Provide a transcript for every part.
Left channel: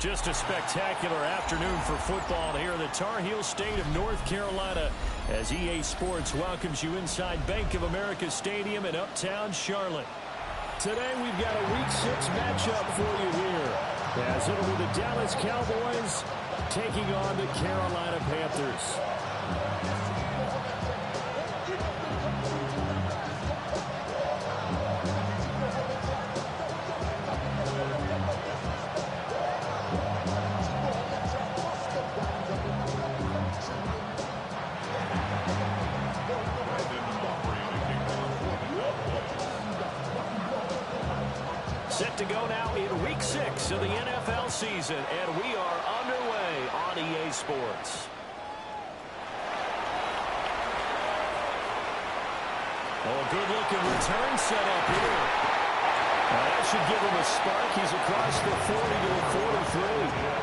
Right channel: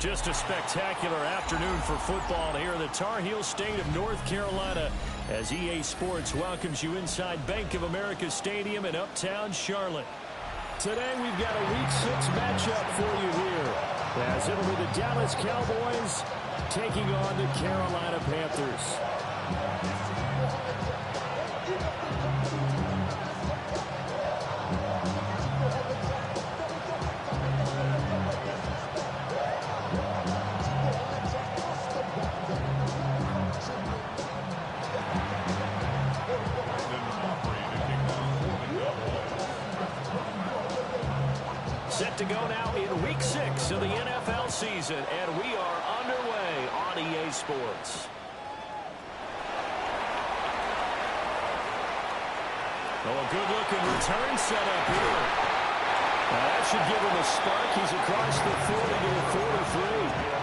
Just a spectacular afternoon for football here in the Tar Heel state of North Carolina as EA Sports welcomes you inside Bank of America Stadium in uptown Charlotte. Today we've got a Week 6 matchup for you here as it'll be the Dallas Cowboys taking on the Carolina Panthers. Set to go now in Week 6 of the NFL season, and we are underway on EA Sports. Oh, a good-looking return set up here. Now that should give him a spark. He's across the 40 to the 43.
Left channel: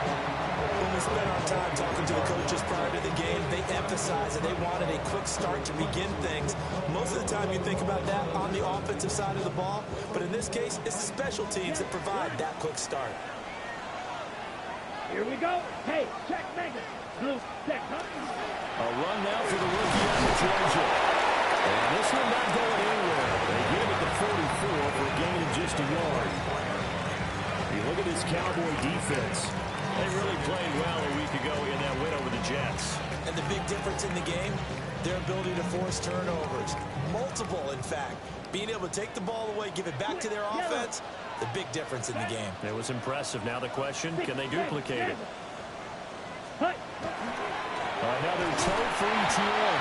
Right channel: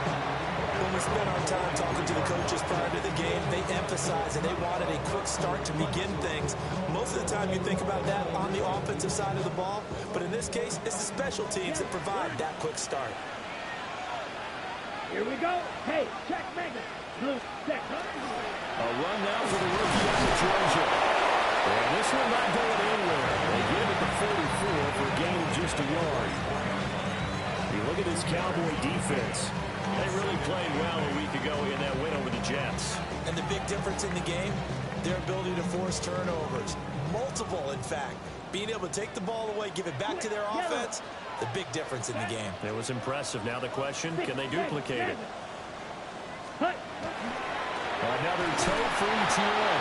When we spent our time talking to the coaches prior to the game, they emphasized that they wanted a quick start to begin things. Most of the time you think about that on the offensive side of the ball, but in this case, it's the special teams that provide that quick start. Here we go. Hey, check mega. Blue, check. A run now for the rookie out of Georgia. And this one not going anywhere. They get him at the 44 for a gain of just a yard. You look at this Cowboy defense. They really played well a week ago in that win over the Jets. And the big difference in the game, their ability to force turnovers. Multiple, in fact. Being able to take the ball away, give it back to their offense, the big difference in the game. It was impressive. Now the question, can they duplicate it? Another toe for ETN.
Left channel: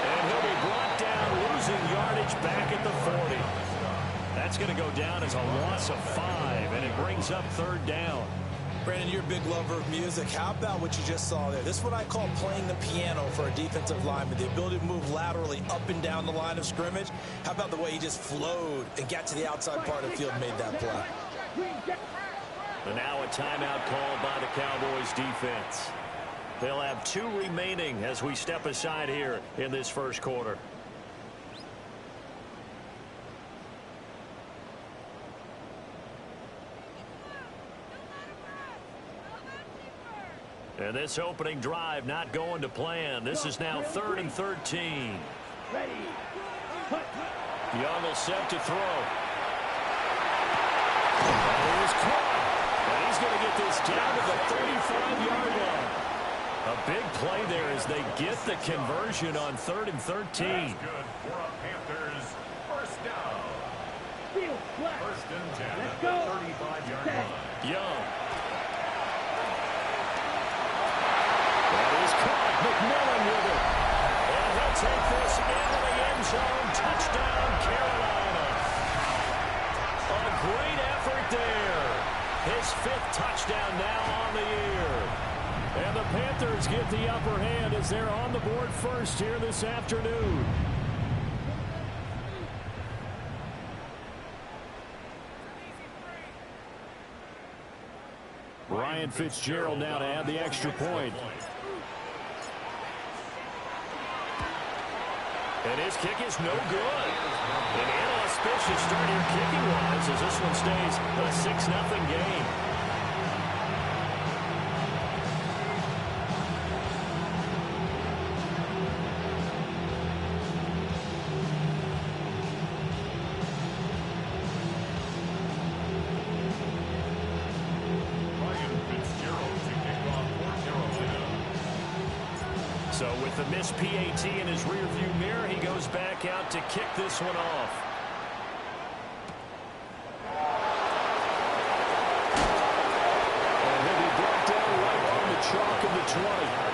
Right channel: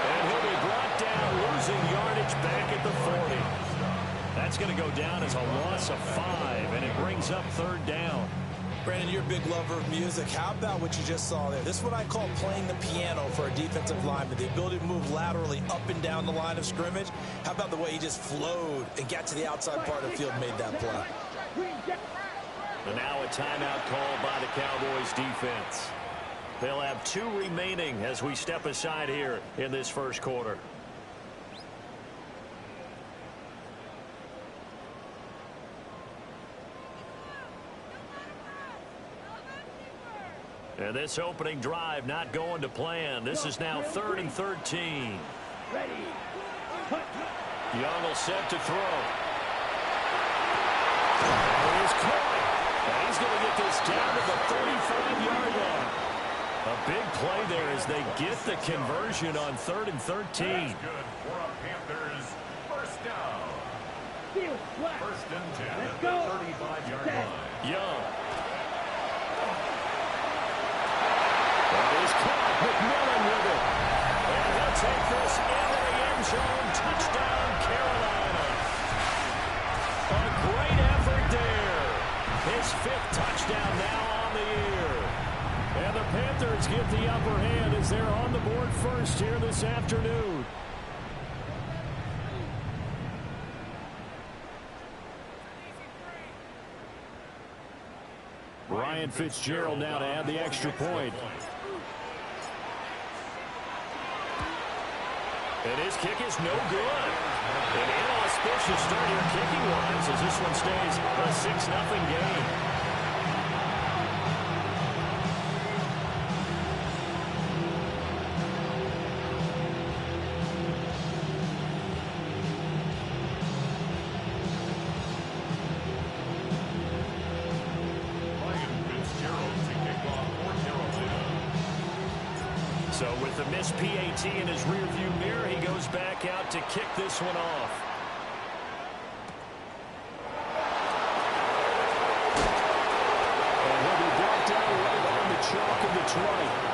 And he'll be brought down, losing yardage back at the 40. That's going to go down as a loss of 5, and it brings up third down. Brandon, you're a big lover of music. How about what you just saw there? This is what I call playing the piano for a defensive lineman. The ability to move laterally up and down the line of scrimmage. How about the way he just flowed and got to the outside part of the field and made that play? And now a timeout called by the Cowboys defense. They'll have 2 remaining as we step aside here in this first quarter. And this opening drive not going to plan. This is now 3rd and 13. Ready. Young will set to throw. That is caught. And he's going to get this down to the 35-yard line. A big play there as they get the conversion on 3rd and 13. That's good for a Panthers first down. First and 10 at the 35-yard line. Young. That is caught. McMillan with it. And he'll take this into the end zone. Touchdown, Carolina. A great effort there. His 5th touchdown now on the year. And the Panthers get the upper hand as they're on the board first here this afternoon. Ryan Fitzgerald now to add the extra point. And his kick is no good. An inauspicious start here kicking-wise as this one stays a 6-0 game. So with the missed PAT in his rearview mirror, he goes back out to kick this one off. And he'll be brought down right on the chalk of the 20.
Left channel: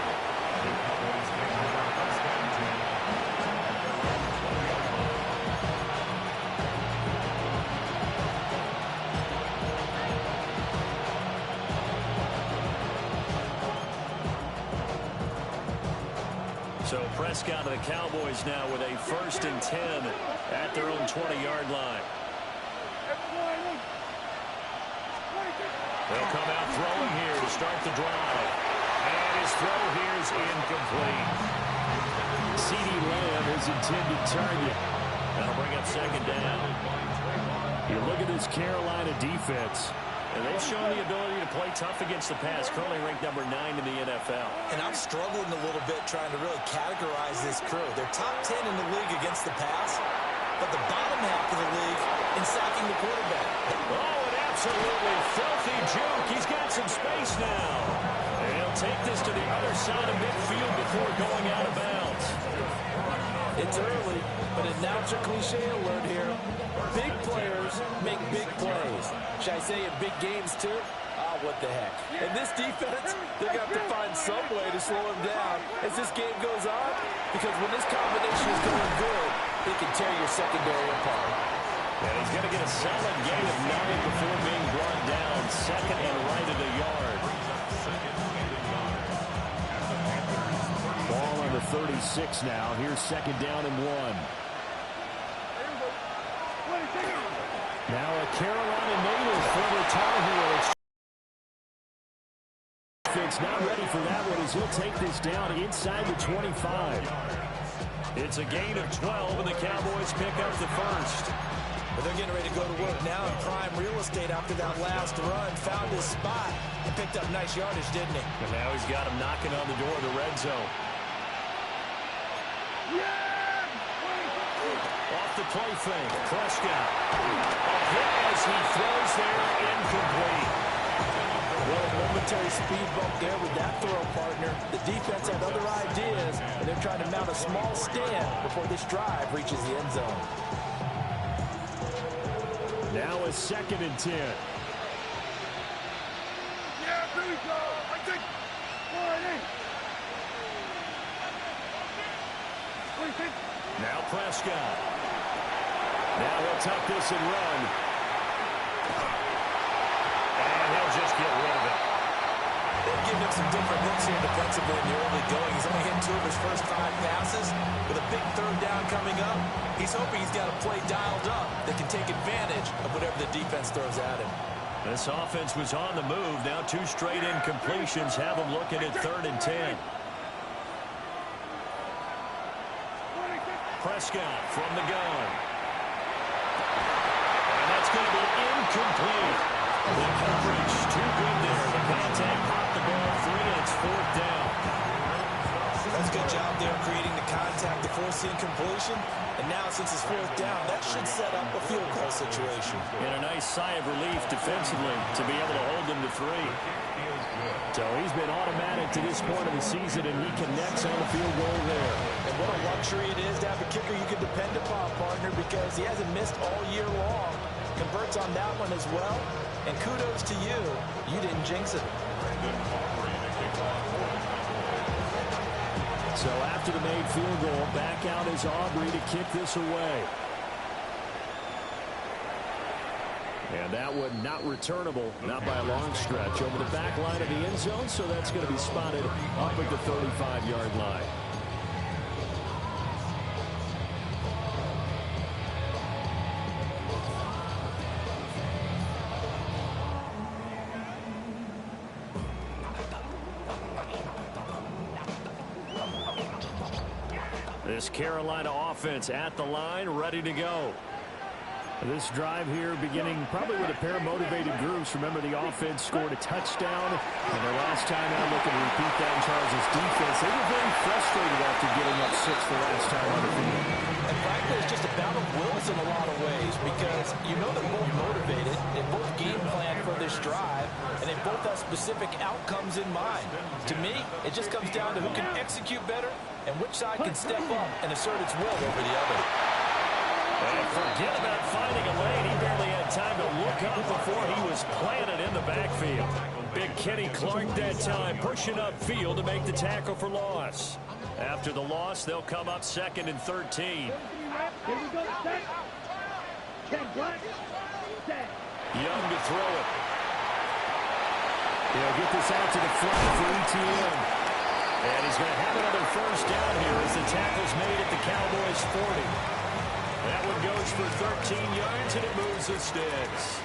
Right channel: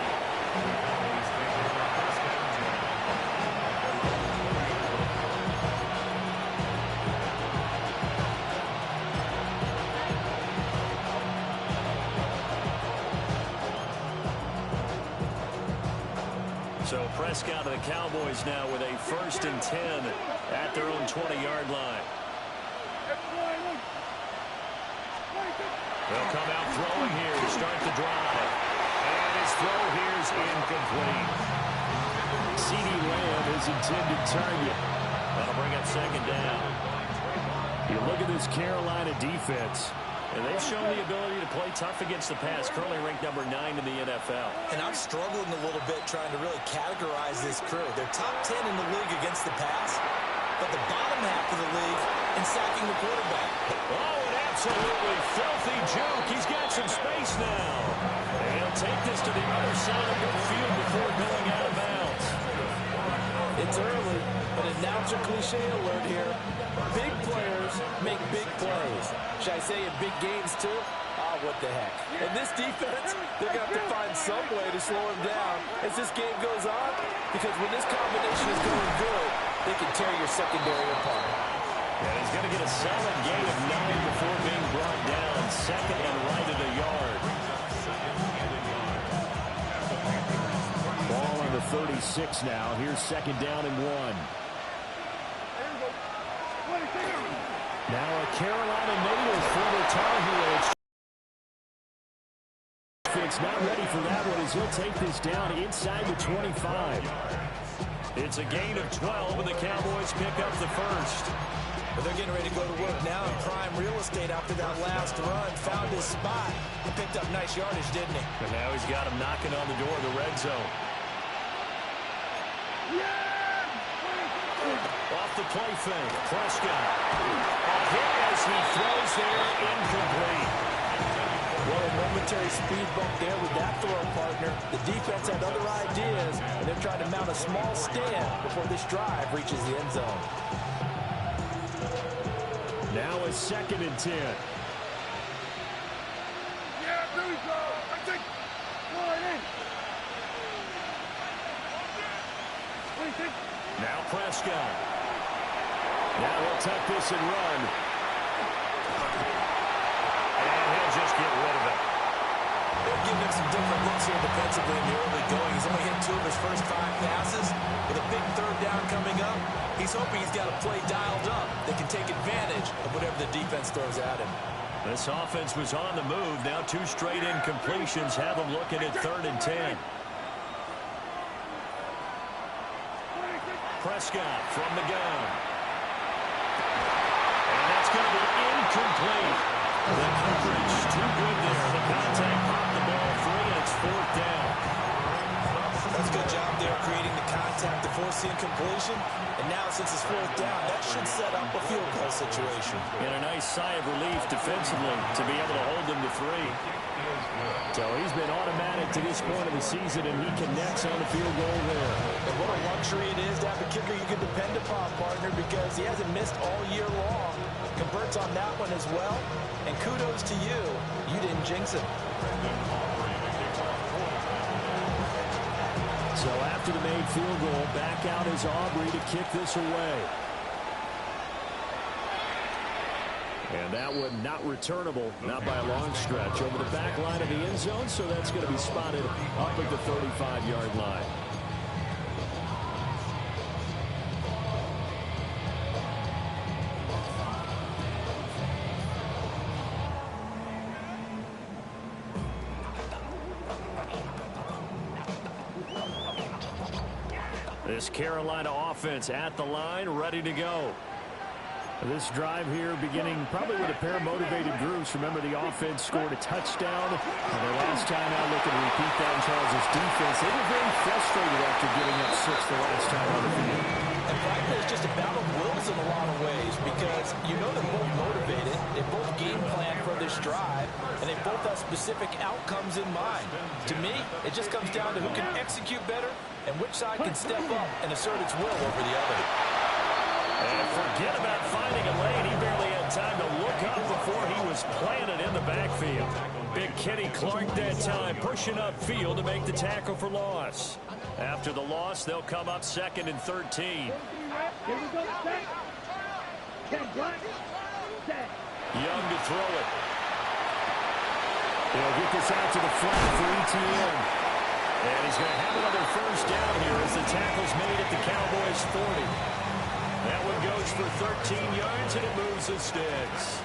So Prescott of the Cowboys now with a 1st and 10 at their own 20-yard line. They'll come out throwing here to start the drive. And his throw here is incomplete. CeeDee Lamb, his intended target. That'll bring up 2nd down. You look at this Carolina defense. And they've shown the ability to play tough against the pass, currently ranked number 9 in the NFL. And I'm struggling a little bit trying to really categorize this crew. They're top 10 in the league against the pass, but the bottom half of the league in sacking the quarterback. Oh, an absolutely filthy juke. He's got some space now. And he'll take this to the other side of midfield before going out of bounds. It's early, but announcer cliche alert here. Big players make big plays. Should I say in big games too? Ah, what the heck. And this defense, they're going to have to find some way to slow him down as this game goes on, because when this combination is going good, they can tear your secondary apart. And he's going to get a solid gain of 9 before being brought down. 2nd and right at a yard. Ball on the 36 now. Here's 2nd down and 1. Now a Carolina native, former Tar Heel. It's not ready for that one as he'll take this down inside the 25. It's a gain of 12, and the Cowboys pick up the 1st. But they're getting ready to go to work now in prime real estate after that last run. Found his spot and picked up nice yardage, didn't he? And now he's got him knocking on the door of the red zone. Off the play fake, Prescott. A hit as he throws there, incomplete. Well, a momentary speed bump there with that throw, partner. The defense had other ideas, and they're trying to mount a small stand before this drive reaches the end zone. Now a 2nd and 10. Yeah, there we go. I think. What do you think? Now Prescott. Now he'll tuck this and run. And he'll just get rid of it. They've given him some different looks here defensively in the early going. He's only hit 2 of his first 5 passes. With a big 3rd down coming up, he's hoping he's got a play dialed up that can take advantage of whatever the defense throws at him. This offense was on the move. Now 2 straight incompletions have them looking at 3rd and 10. Prescott from the gun. And that's going to be incomplete. The coverage too good there. The contact popped the ball free, and it's 4th down. That's a good job there creating the contact to force the incompletion. And now since it's 4th down, that should set up a field goal situation. And a nice sigh of relief defensively to be able to hold them to 3. So he's been automatic to this point of the season, and he connects on the field goal there. And what a luxury it is to have a kicker you can depend upon, partner, because he hasn't missed all year long. Converts on that one as well. And kudos to you. You didn't jinx him. So after the made field goal, back out is Aubrey to kick this away. And that one not returnable, not by a long stretch, over the back line of the end zone, so that's going to be spotted up at the 35-yard line. This Carolina offense at the line, ready to go. This drive here beginning probably with a pair of motivated groups. Remember, the offense scored a touchdown, and their last time out looking to repeat that in Charles' defense. They were very frustrated after giving up 6 the last time on the field. And frankly, it's just a battle of wills in a lot of ways because you know they're both motivated. They both game plan for this drive, and they both have specific outcomes in mind. To me, it just comes down to who can execute better and which side can step up and assert its will over the other. And forget about finding a lane. He barely had time to look up before he was planted in the backfield. Big Kenny Clark that time pushing upfield to make the tackle for loss. After the loss, they'll come up 2nd and 13. Young to throw it. He'll get this out to the flat for ETN. And he's going to have another first down here as the tackle's made at the Cowboys' 40. That one goes for 13 yards, and it moves the sticks.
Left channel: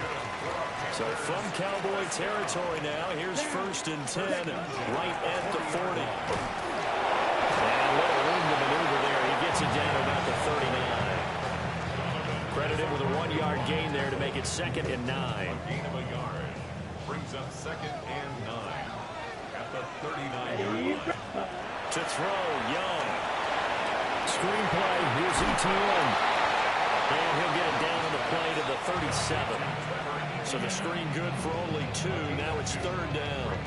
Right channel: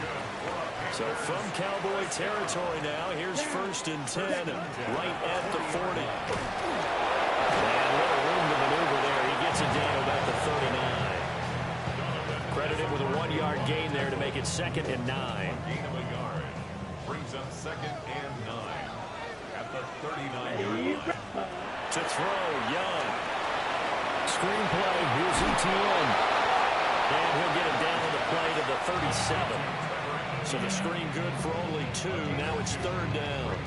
So from Cowboy territory now, here's 1st and 10, right at the 40. And little room to maneuver there. He gets it down to about the 39. Credited with a 1-yard gain there to make it 2nd and 9. Gain of a yard brings up 2nd and 9 at the 39-yard line. To throw, Young. Screenplay, here's ETN. And he'll get it down on the play to the 37. So the screen good for only 2. Now it's 3rd down.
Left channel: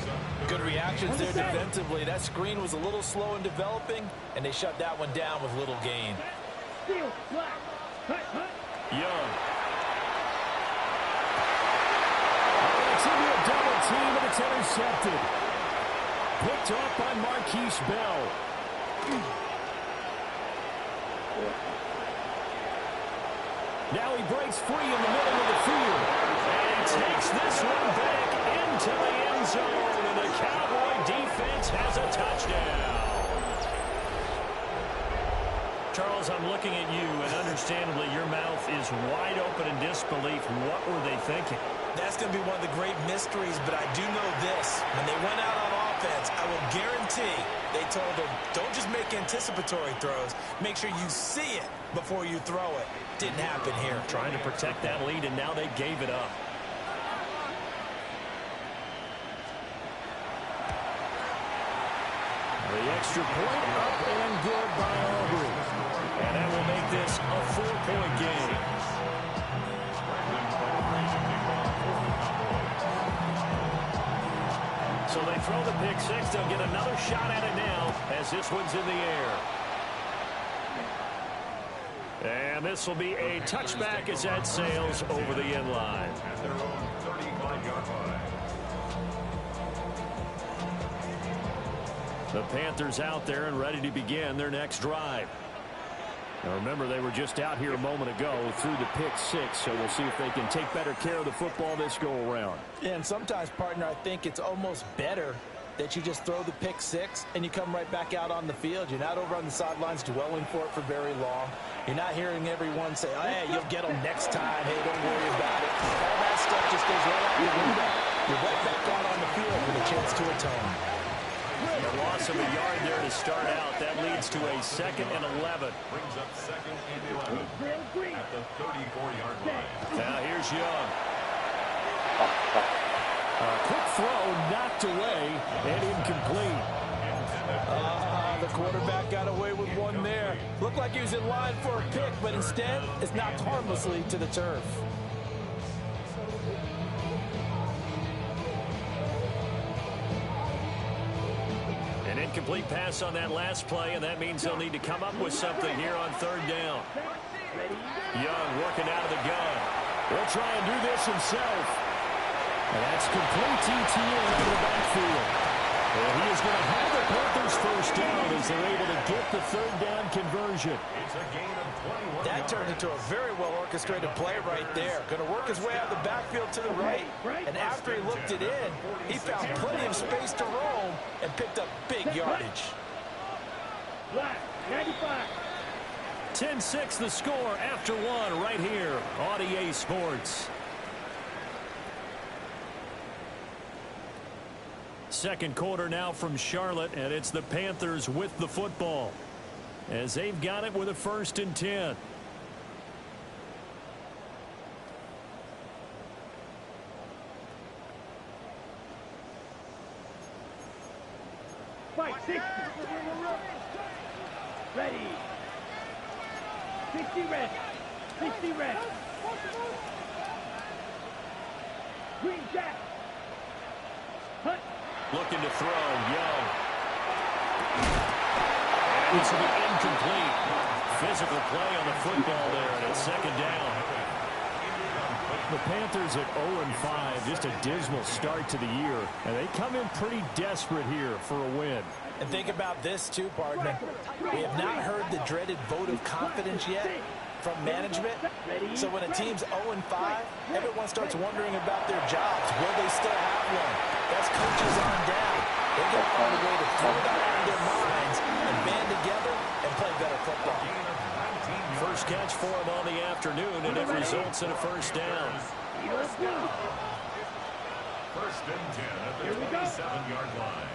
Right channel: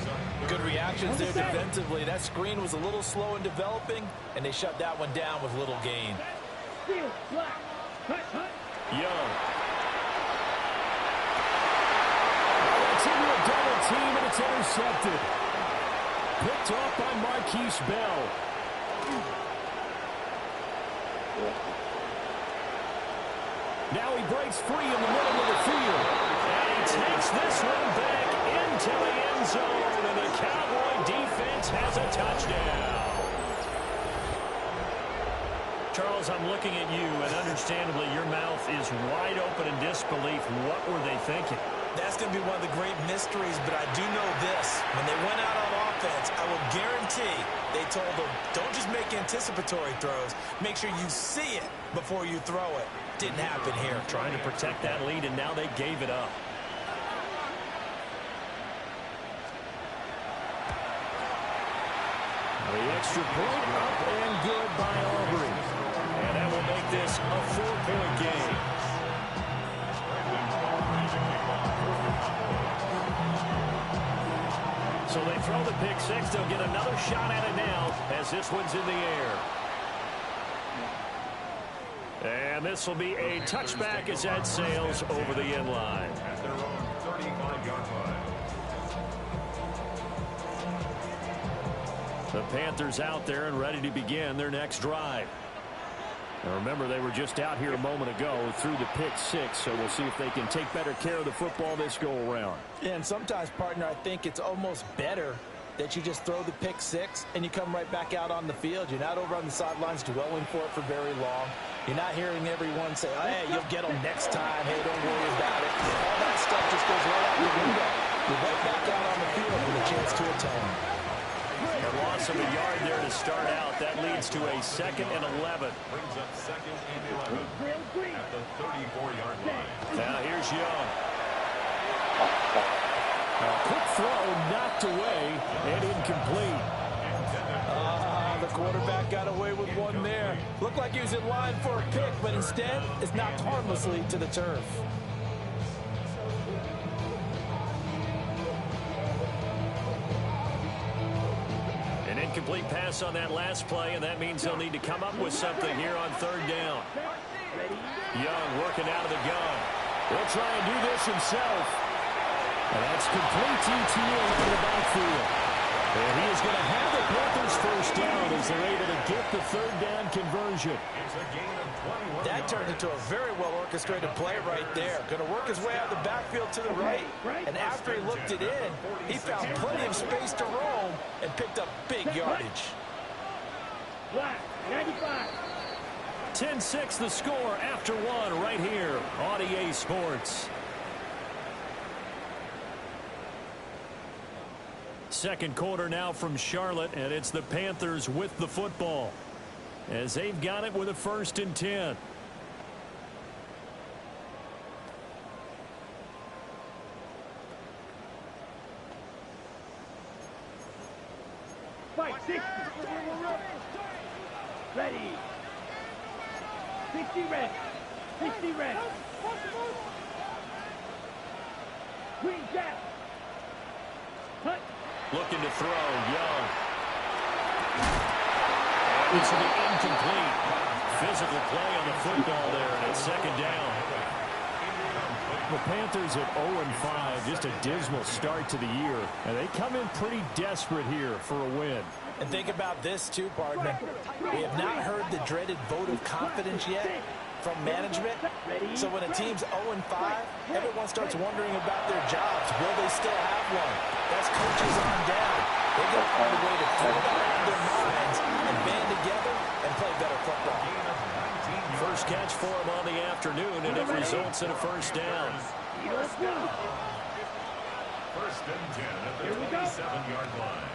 Good reactions there defensively. That screen was a little slow in developing, and they shut that one down with little gain. Young. That's into a double team, and it's intercepted. Picked off by Marquise Bell. Now he breaks free in the middle of the field. And he takes this one back into the end zone. And the Cowboy defense has a touchdown. Charles, I'm looking at you, and understandably your mouth is wide open in disbelief. What were they thinking? That's going to be one of the great mysteries, but I do know this. When they went out on offense, I will guarantee they told them, don't just make anticipatory throws. Make sure you see it before you throw it. Didn't happen here. Trying to protect that lead, and now they gave it up. The extra point up and good by Aubrey. And that will make this a 4-point game. So they throw the pick 6. They'll get another shot at it now as this one's in the air. And this will be a touchback as that sails over the end line. At their own 35-yard line. The Panthers out there and ready to begin their next drive. Now remember, they were just out here a moment ago through the pick 6, so we'll see if they can take better care of the football this go-around. Yeah, and sometimes, partner, I think it's almost better that you just throw the pick 6 and you come right back out on the field. You're not over on the sidelines dwelling for it for very long. You're not hearing everyone say, oh, hey, you'll get them next time. Hey, don't worry about it. All that stuff just goes right out the window. You're right back out on the field with a chance to atone. A loss of a yard there to start out. That leads to a 2nd and 11. Brings up 2nd and 11 at the 34-yard line. Now here's Young. A quick throw knocked away and incomplete. The quarterback got away with one there. Looked like he was in line for a pick, but instead it's knocked harmlessly to the turf. An incomplete pass on that last play, and that means they'll need to come up with something here on 3rd down. Young working out of the gun. He'll try and do this himself. And that's complete TTN out of the backfield. And he is going to have the Panthers first down as they're able to get the 3rd down conversion. It's a gain of 21 That turned into a very well-orchestrated play right there. Going to work his way out of the backfield to the right. And after he looked it in, he found plenty of space to roam and picked up big yardage. 10-6 the score after one right here on EA Sports. Second quarter now from Charlotte, and it's the Panthers with the football. as they've got it with a 1st and 10. Fight 60. Ready. 60 red. 60 red. Green jack. Hut. Looking to throw. Young. And this will be incomplete. Physical play on the football there, and it's 2nd down. The Panthers at 0-5, just a dismal start to the year. And they come in pretty desperate here for a win. And think about this, too, partner. We have not heard the dreaded vote of confidence yet from management. So when a team's 0-5, everyone starts wondering about their jobs. Will they still have one? That's coaches on down. They're going to find a way to throw it out of their minds and band together and play better football. First catch for him on the afternoon, and it results in a 1st down. 1st and 10 at the 27-yard line.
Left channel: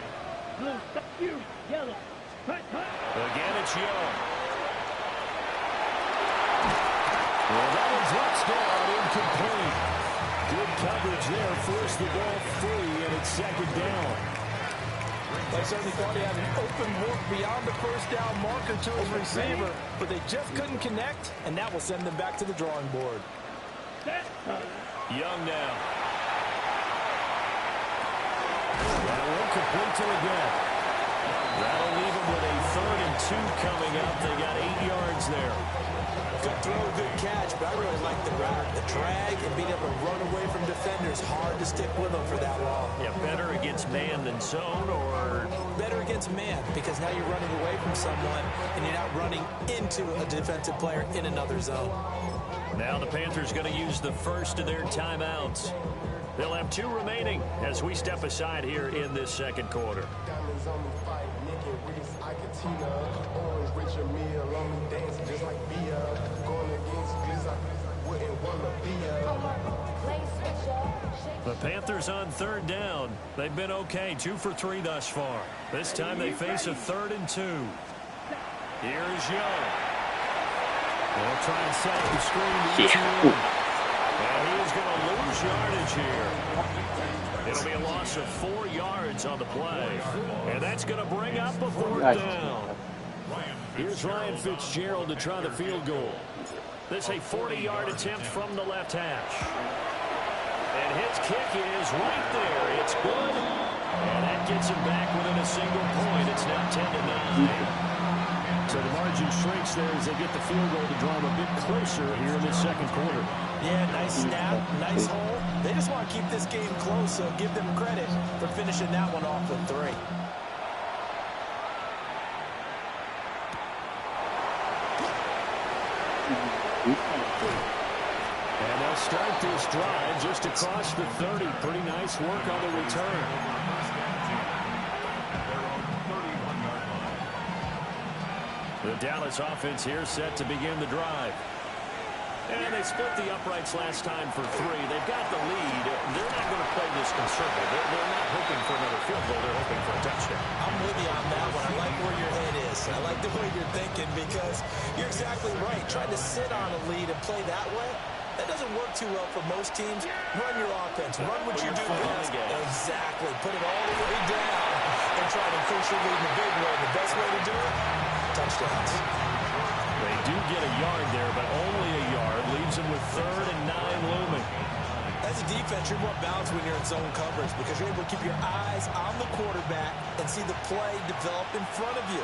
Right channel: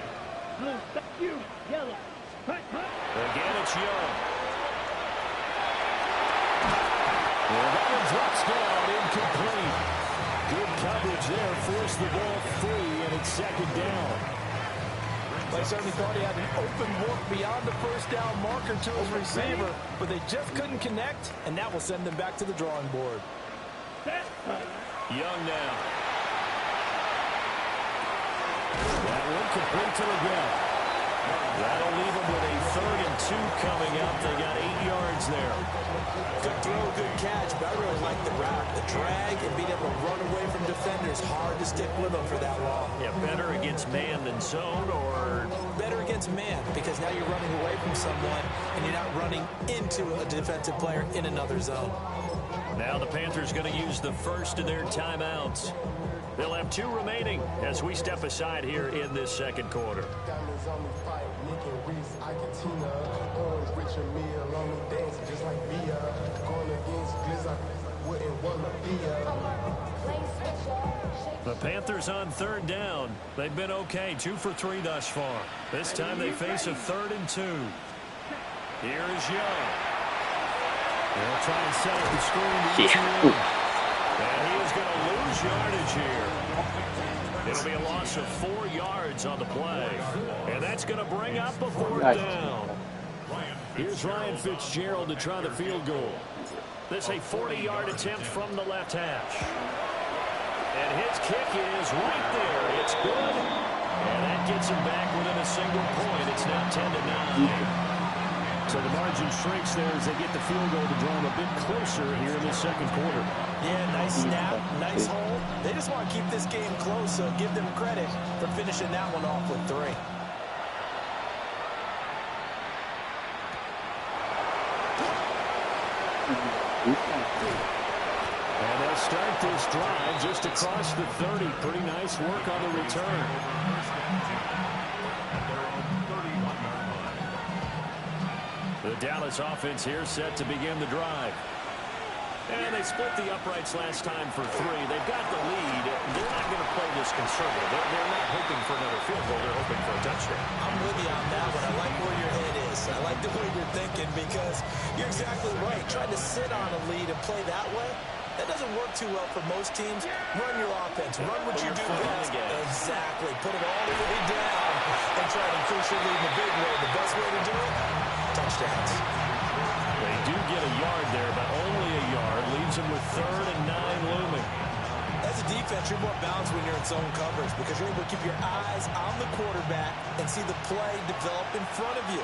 Blue, stop you. Yellow. Hut, hut. Again, it's Young. Well, that one drops down, incomplete. Good coverage there, forced the ball free, and it's 2nd down. They certainly thought he had an open look beyond the 1st down marker to his receiver, but they just couldn't connect, and that will send them back to the drawing board. Young now. That one complete to again. That'll leave them with a 3rd and 2 coming up. They got 8 yards there. Good throw, good catch, but I really like the route. The drag and being able to run away from defenders. Hard to stick with them for that long. Yeah, better against man than zone, or better against man, because now you're running away from someone and you're not running into a defensive player in another zone. Now the Panthers going to use the first of their timeouts. They'll have 2 remaining as we step aside here in this 2nd quarter. Diamonds on me fight, Nick and Reese, Ikatina, Orange, Richard Mille, on me dancing just like Bia, going against Glizz, I wouldn't want to be The Panthers on 3rd down. They've been okay, 2 for 3 thus far. This time they face a 3rd and 2. Here's Young. They'll try and set up the screen to each one. And he is going to lose yardage here. It'll be a loss of 4 yards on the play. And that's going to bring up a 4th down. Here's Ryan Fitzgerald to try the field goal. This a 40-yard attempt from the left hash. And his kick is right there. It's good. And that gets him back within a single point. It's now 10-9. So the margin shrinks there as they get the field goal to draw them a bit closer here in this 2nd quarter. Yeah, nice snap, nice hole. They just want to keep this game close, so give them credit for finishing that one off with 3. And they'll start this drive just across the 30. Pretty nice work on the return. The Dallas offense here set to begin the drive. And they split the uprights last time for 3. They've got the lead. They're not going to play this conservative. They're not hoping for another field goal. They're hoping for a touchdown. I'm with you on that one. I like where your head is. I like the way you're thinking, because you're exactly right. Trying to sit on a lead and play that way, that doesn't work too well for most teams. Run your offense. Run what you do best. Exactly. Put it all the way down and try to increase your lead in a big way. The best way to do it, touchdowns. They do get a yard there, but only a yard. Leaves them with 3rd and 9 looming. As a defense, you're more balanced when you're in zone coverage, because you're able to keep your eyes on the quarterback and see the play develop in front of you.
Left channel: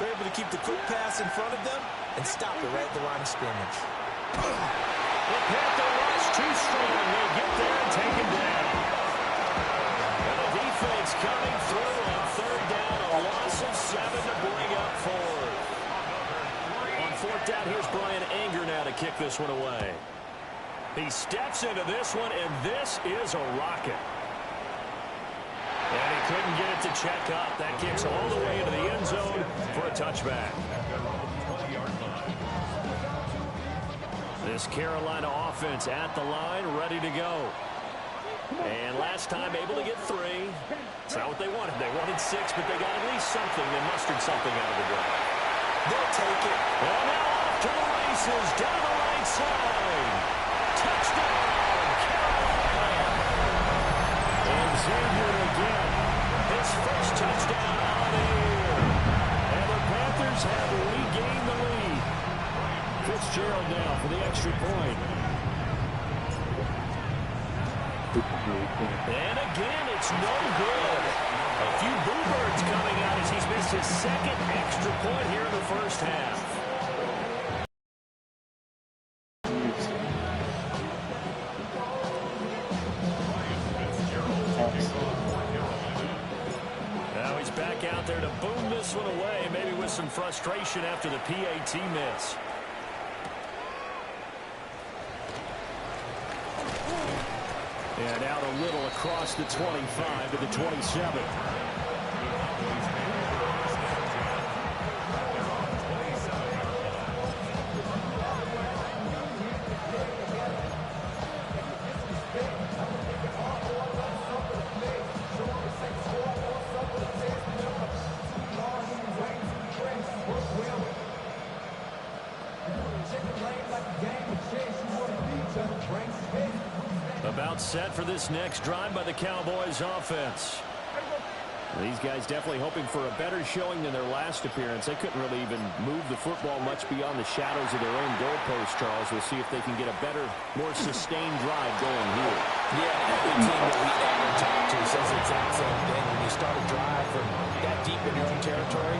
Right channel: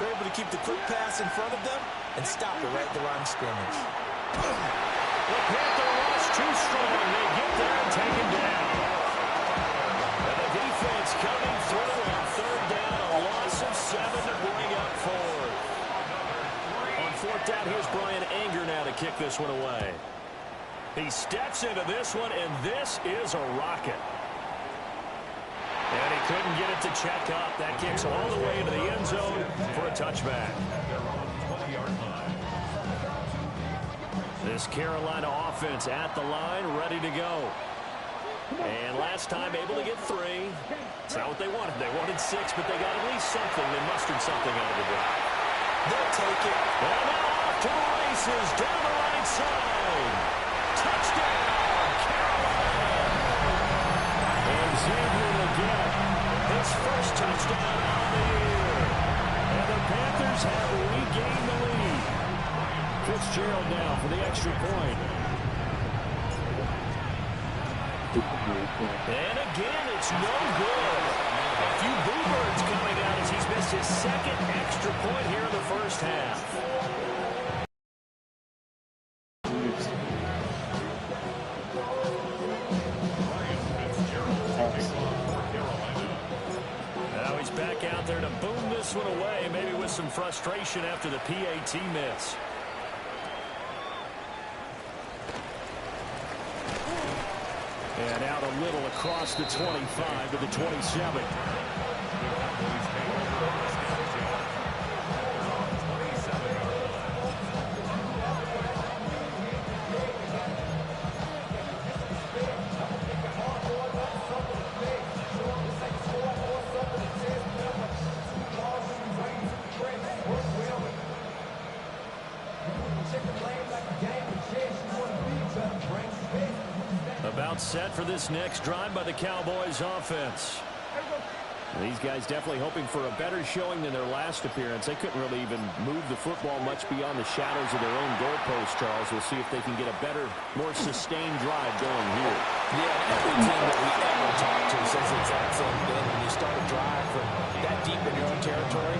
You're able to keep the quick pass in front of them and stop it right at the line of scrimmage. The Panther rush too strong. They get there and take him down. And the defense coming through on 3rd down. A loss of 7 to bring up 4th. On 4th down, here's Brian Anger now to kick this one away. He steps into this one, and this is a rocket. And he couldn't get it to check up. That kicks all the way into the end zone for a touchback. This Carolina offense at the line, ready to go. And last time able to get 3. It's not what they wanted. They wanted 6, but they got at least something. They mustered something out of the drive. They'll take it. And now off to the races, down the right side. Touchdown, Carolina. And Xavier again, his first touchdown on the year. And the Panthers have regained the lead. Fitzgerald now for the extra point. And again, it's no good. A few boo birds coming out as he's missed his second extra point here in the first half. Now he's back out there to boom this one away, maybe with some frustration after the PAT miss. And out a little across the 25 to the 27. About set for this next drive by the Cowboys offense. These guys definitely hoping for a better showing than their last appearance. They couldn't really even move the football much beyond the shadows of their own goalpost, Charles. We'll see if they can get a better, more sustained drive going here. Yeah, every team that we ever talk to says the exact same thing. When you start a drive from that deep in your own territory,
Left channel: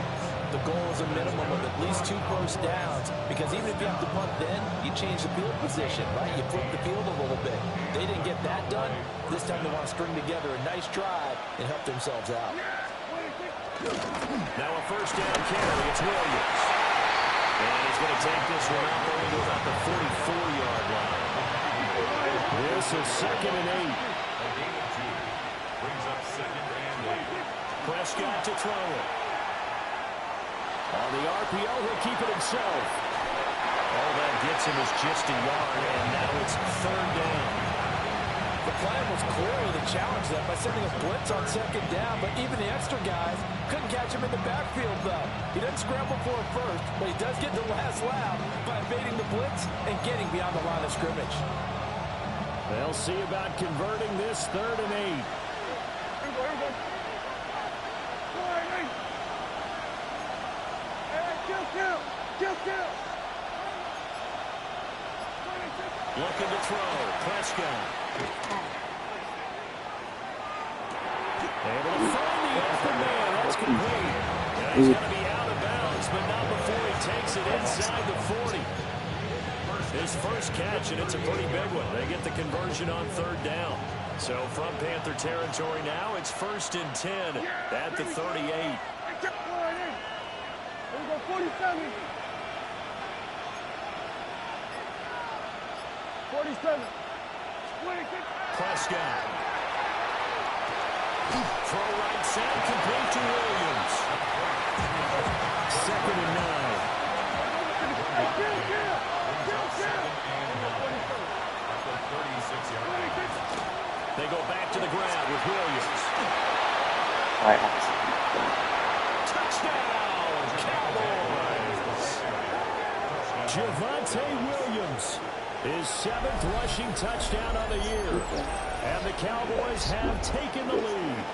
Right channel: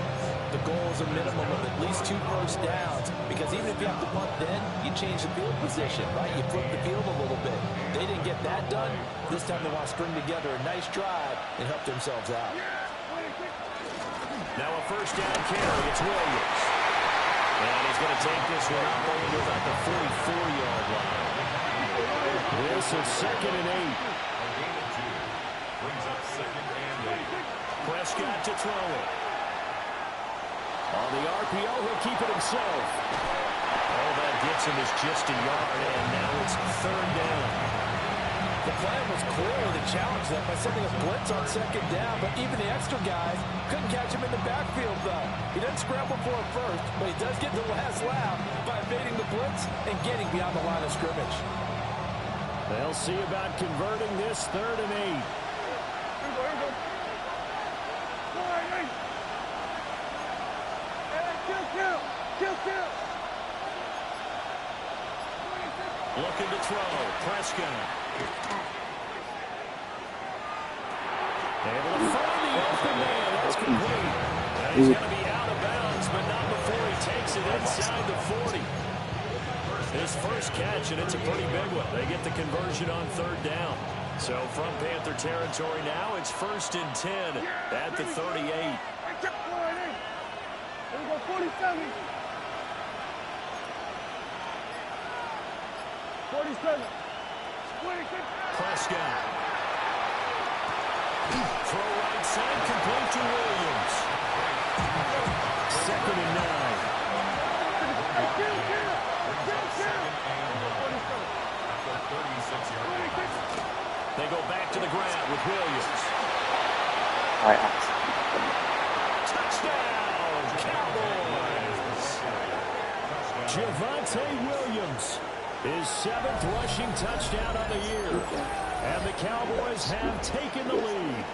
the goal is a minimum of at least 2 first downs, because even if you have to punt then, you change the field position, right? You flip the field a little bit. They didn't get that done. This time they want to string together a nice drive and help themselves out. Now a first down carry. It's Williams. And he's going to take this one up only to about the 44-yard line. This is 2nd and 8. Brings up 2nd and 8. Prescott to throw it. On the RPO, he'll keep it himself. All that gets him is just a yard, and now it's 3rd down. The plan was clearly to challenge them by sending a blitz on 2nd down, but even the extra guys couldn't catch him in the backfield, though. He doesn't scramble for it first, but he does get the last laugh by evading the blitz and getting beyond the line of scrimmage. They'll see about converting this 3rd and 8. Looking to throw. Prescott. Able to find the open man. That's complete. Now he's going to be out of bounds, but not before he takes it inside the 40. His first catch, and it's a pretty big one. They get the conversion on 3rd down. So from Panther territory now, it's 1st and 10 at the 38. Here we go, 47. 47. Prescott. Throw right side, complete to Williams. 2nd and 9. They go back to the ground with Williams. Touchdown, Cowboys! Javonte Williams, his 7th rushing touchdown of the year. And the Cowboys have taken the lead.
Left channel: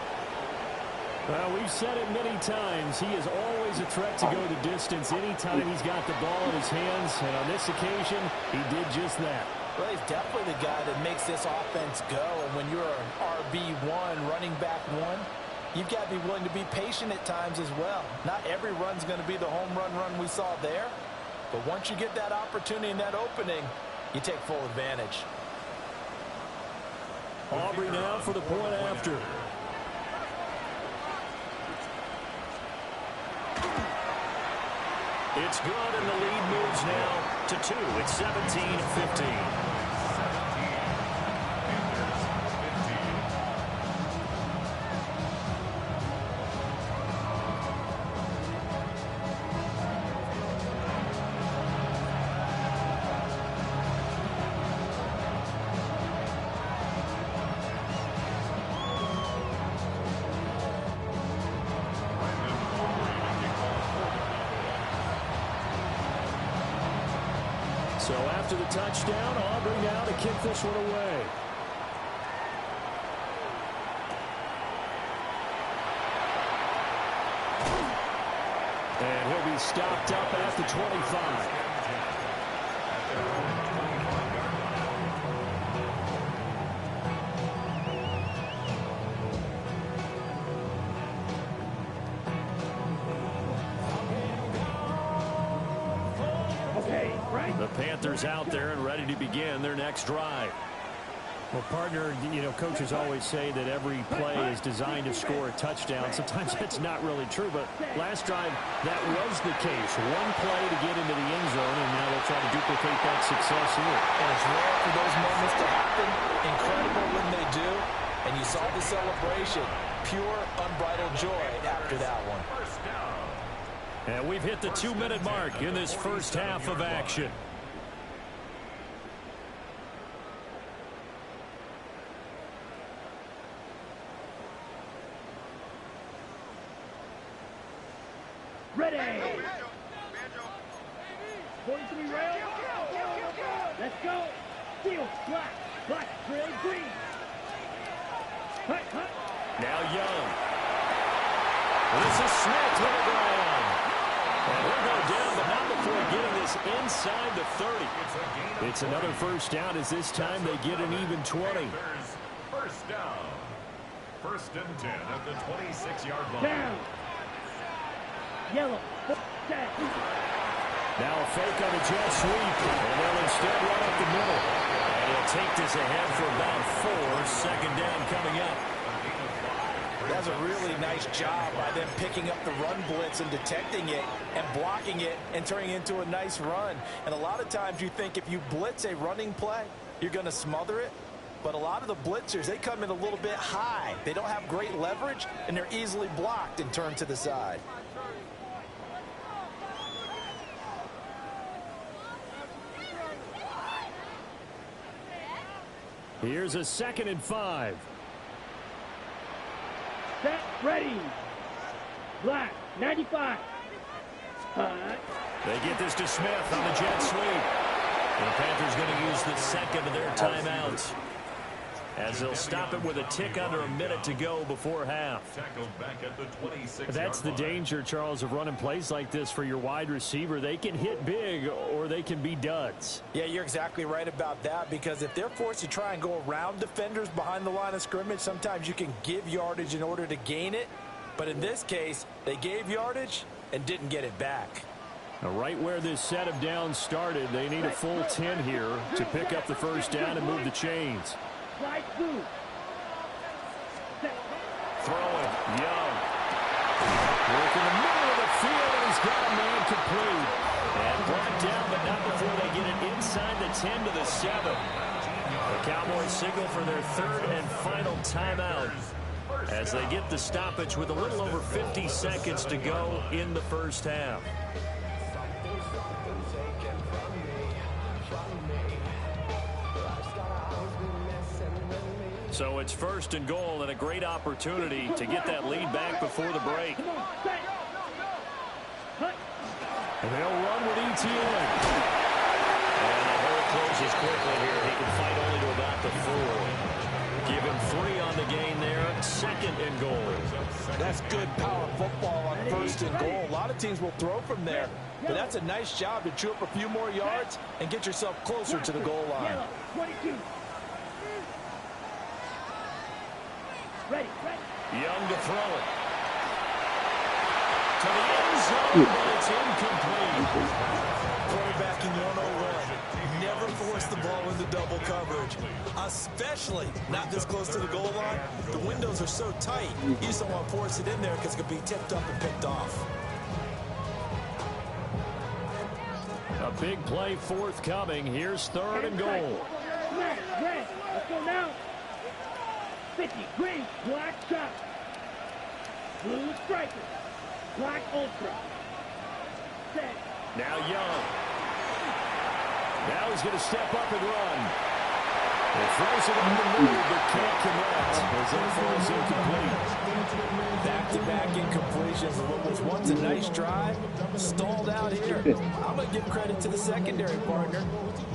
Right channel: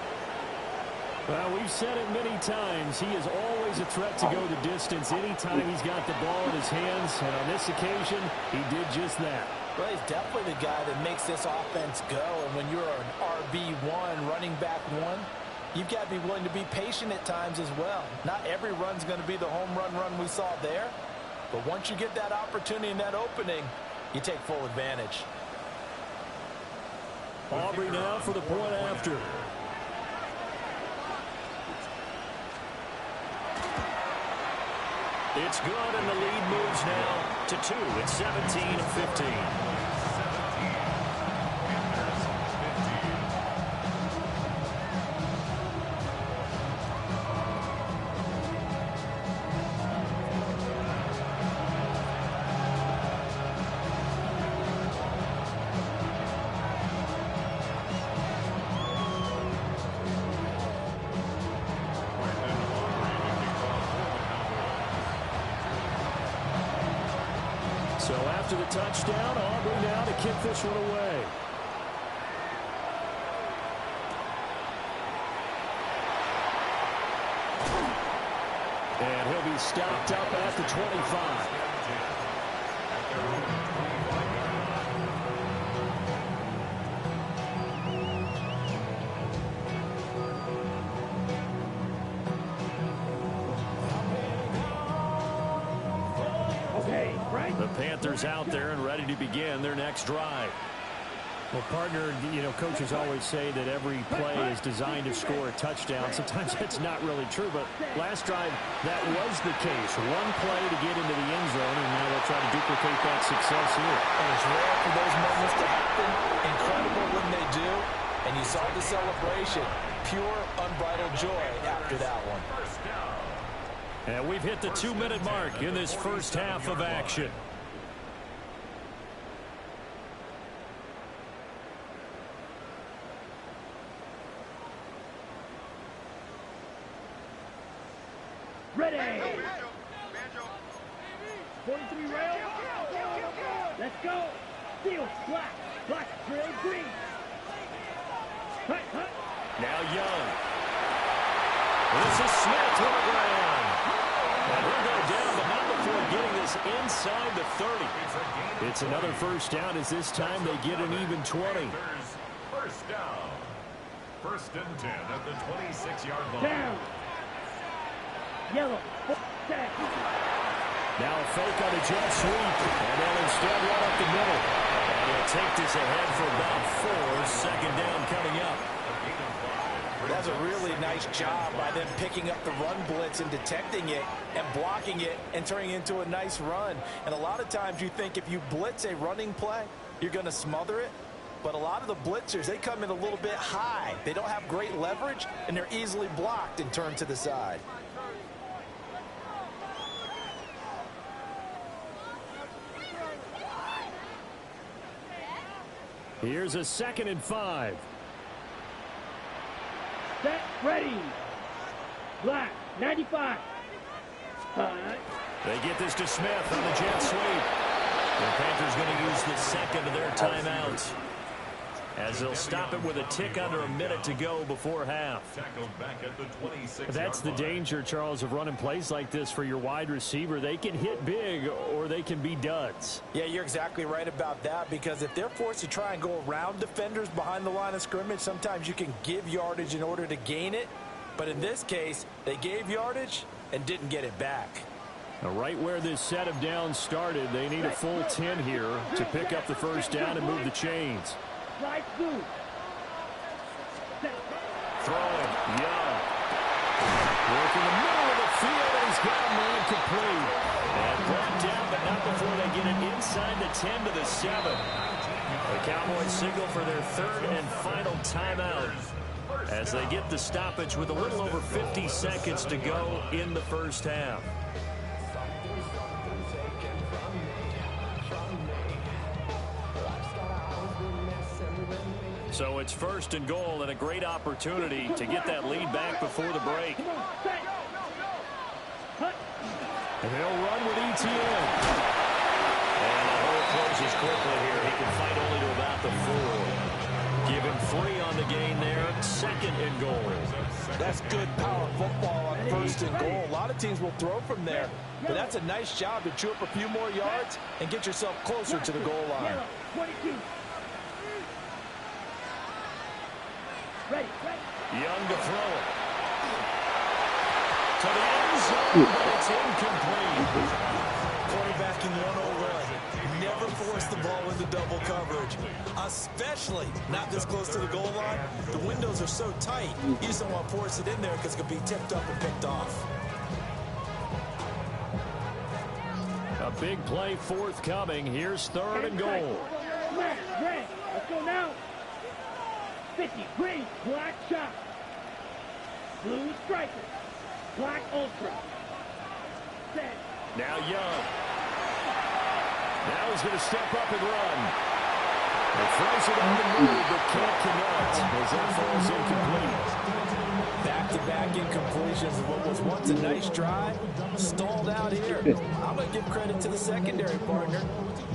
Well, we've said it many times. He is always a threat to go the distance anytime he's got the ball in his hands. And on this occasion, he did just that. Well, he's definitely the guy that makes this offense go. And when you're an RB1, running back 1, you've got to be willing to be patient at times as well. Not every run's going to be the home run we saw there. But once you get that opportunity and that opening, you take full advantage. Aubrey now for the point after. It's good, and the lead moves now to 2. It's 17-15. So after the touchdown, Aubrey now to kick this one away. And he'll be stopped up at the 25. At their own 25-yard line. Okay, right. The Panthers out there and ready to begin their next drive. Well, partner, you know, coaches always say that every play is designed to score a touchdown. Sometimes that's not really true, but last drive, that was the case. One play to get into the end zone, and now they'll try to duplicate that success here. And it's rare for those moments to happen. Incredible when they do. And you saw the celebration. Pure, unbridled joy after that one. First down. And we've hit the 2-minute mark in this first half of action. Ready. 43 rail. Let's go. Steel, black. Black, trail, green. Hut, hut. Now Young. This is Smith to the ground. And he'll go down, but not before getting this inside the 30. It's another first down as this time they get an even 20. First down. First and 10 at the 26-yard line. Down. Yellow. Set. Now a fake on the jet sweep, and they'll instead run up the middle. And he'll take this ahead for about 4. Second down coming up. That's a really nice job by them picking up the run blitz and detecting it and blocking it and turning it into a nice run. And a lot of times you think if you blitz a running play, you're going to smother it. But a lot of the blitzers, they come in a little bit high. They don't have great leverage, and they're easily blocked and turned to the side. Here's a 2nd and 5. Set, ready. Black, 95. Hut. They get this to Smith on the jet sweep. And the Panthers going to use the second of their timeouts, as they'll stop it with a tick under a minute to go before half. Tackled back at the 26-yard That's the line. danger, Charles, of running plays like this for your wide receiver. They can hit big or they can be duds. Yeah, you're exactly right about that, because if they're forced to try and go around defenders behind the line of scrimmage, sometimes you can give yardage in order to gain it. But in this case, they gave yardage and didn't get it back. Now, right where this set of downs started, they need a full 10 here to pick up the first down and move the chains. Slide through. Set. Throwing, Young. Work in the middle of the field, and he's got a man complete. And brought down, but not before they get it inside the 10 to the 7. The Cowboys signal for their 3rd and final timeout as they get the stoppage with a little over 50 seconds to go in the first half. So it's 1st and goal, and a great opportunity to get that lead back before the break. And they'll run with ETN. And the hole closes quickly here. He can fight only to about the 4. Give him 3 on the gain there. 2nd and goal. That's good power football on 1st and goal. A lot of teams will throw from there, but that's a nice job to chew up a few more yards and get yourself closer to the goal line. Yellow, 22. Ready, ready. Young to throw it. To the end zone, but it's incomplete. Quarterbacking 101. Never force the ball into double coverage, especially not this close to the goal line. The windows are so tight, you just don't want to force it in there because it could be tipped up and picked off. A big play forthcoming. Here's 3rd and goal. Red, red. Let's go now. 50, green, black shot. Blue striker. Black ultra. Set. Now Young. Now he's going to step up and run. It throws it on the move, but can't connect as that falls incomplete. Back-to-back incompletions of what was once a nice drive, stalled out here. I'm going to give credit to the secondary partner.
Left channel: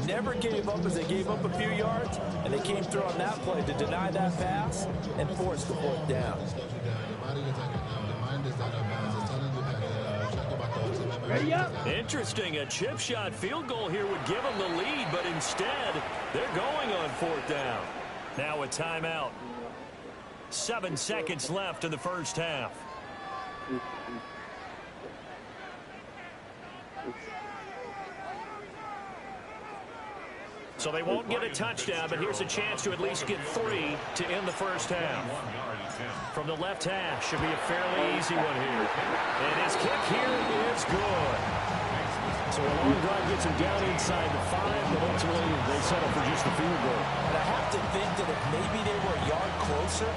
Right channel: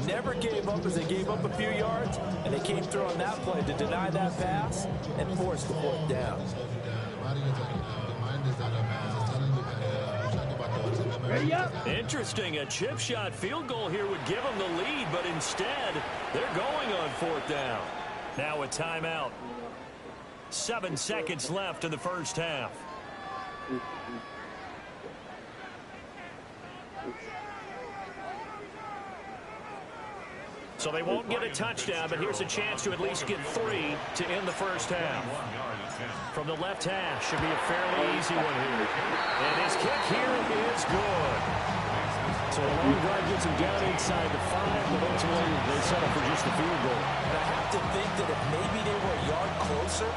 Never gave up as they gave up a few yards, and they came through on that play to deny that pass and force the fourth down. Interesting, a chip shot field goal here would give them the lead, but instead they're going on fourth down. Now a timeout. 7 seconds left in the first half. So they won't get a touchdown, but here's a chance to at least get 3 to end the first half. From the left hash, should be a fairly easy one here. And his kick here is good. So a long drive gets him down inside the 5, but ultimately they settle for just the field goal. And I have to think that if maybe they were a yard closer,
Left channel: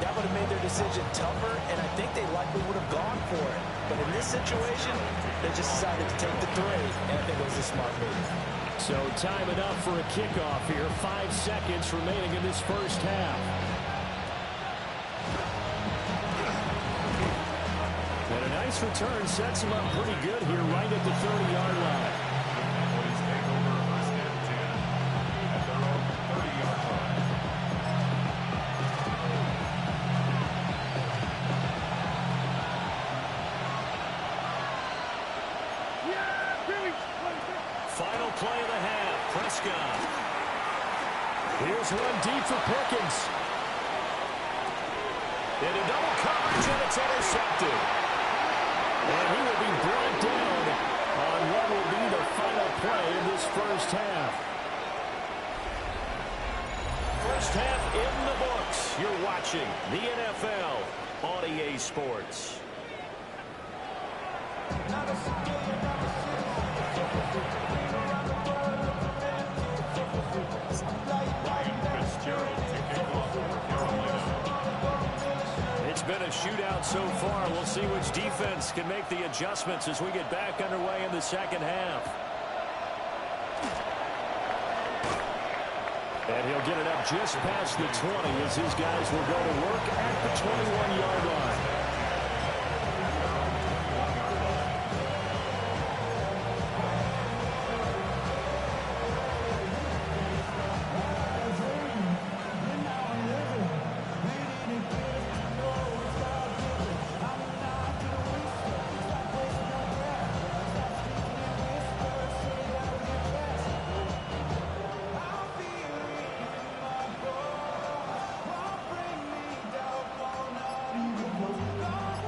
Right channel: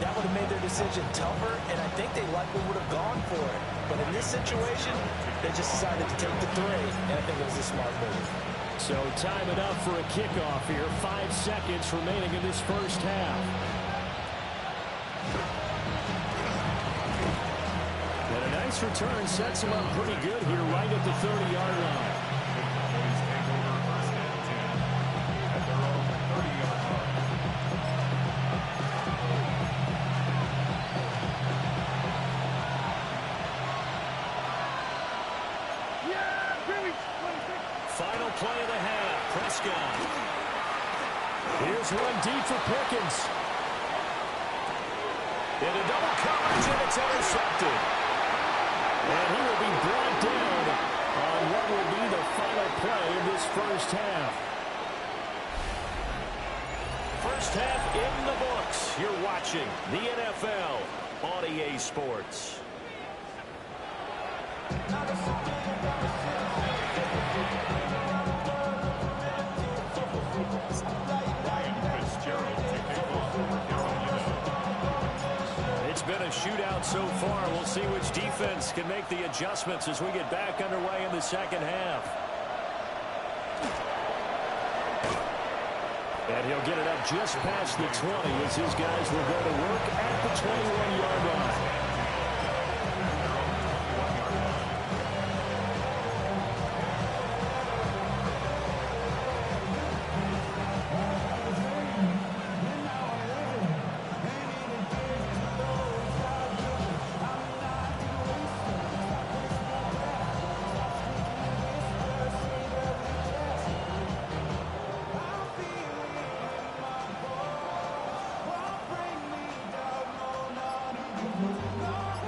that would have made their decision tougher, and I think they likely would have gone for it. But in this situation, they just decided to take the 3, and I think it was a smart move. So time enough for a kickoff here. 5 seconds remaining in this first half. And a nice return sets him up pretty good here right at the 30-yard line. Cowboys take over first and 10 at their own 30-yard line. Final play of the half. Prescott. Here's one deep for Pickens. Into double coverage, and it's intercepted. And he will be brought down on what will be the final play of this first half. First half in the books. You're watching the NFL on EA Sports. It's been a shootout so far. We'll see which defense can make the adjustments as we get back underway in the second half. And he'll get it up just past the 20 as his guys will go to work at the 21-yard line.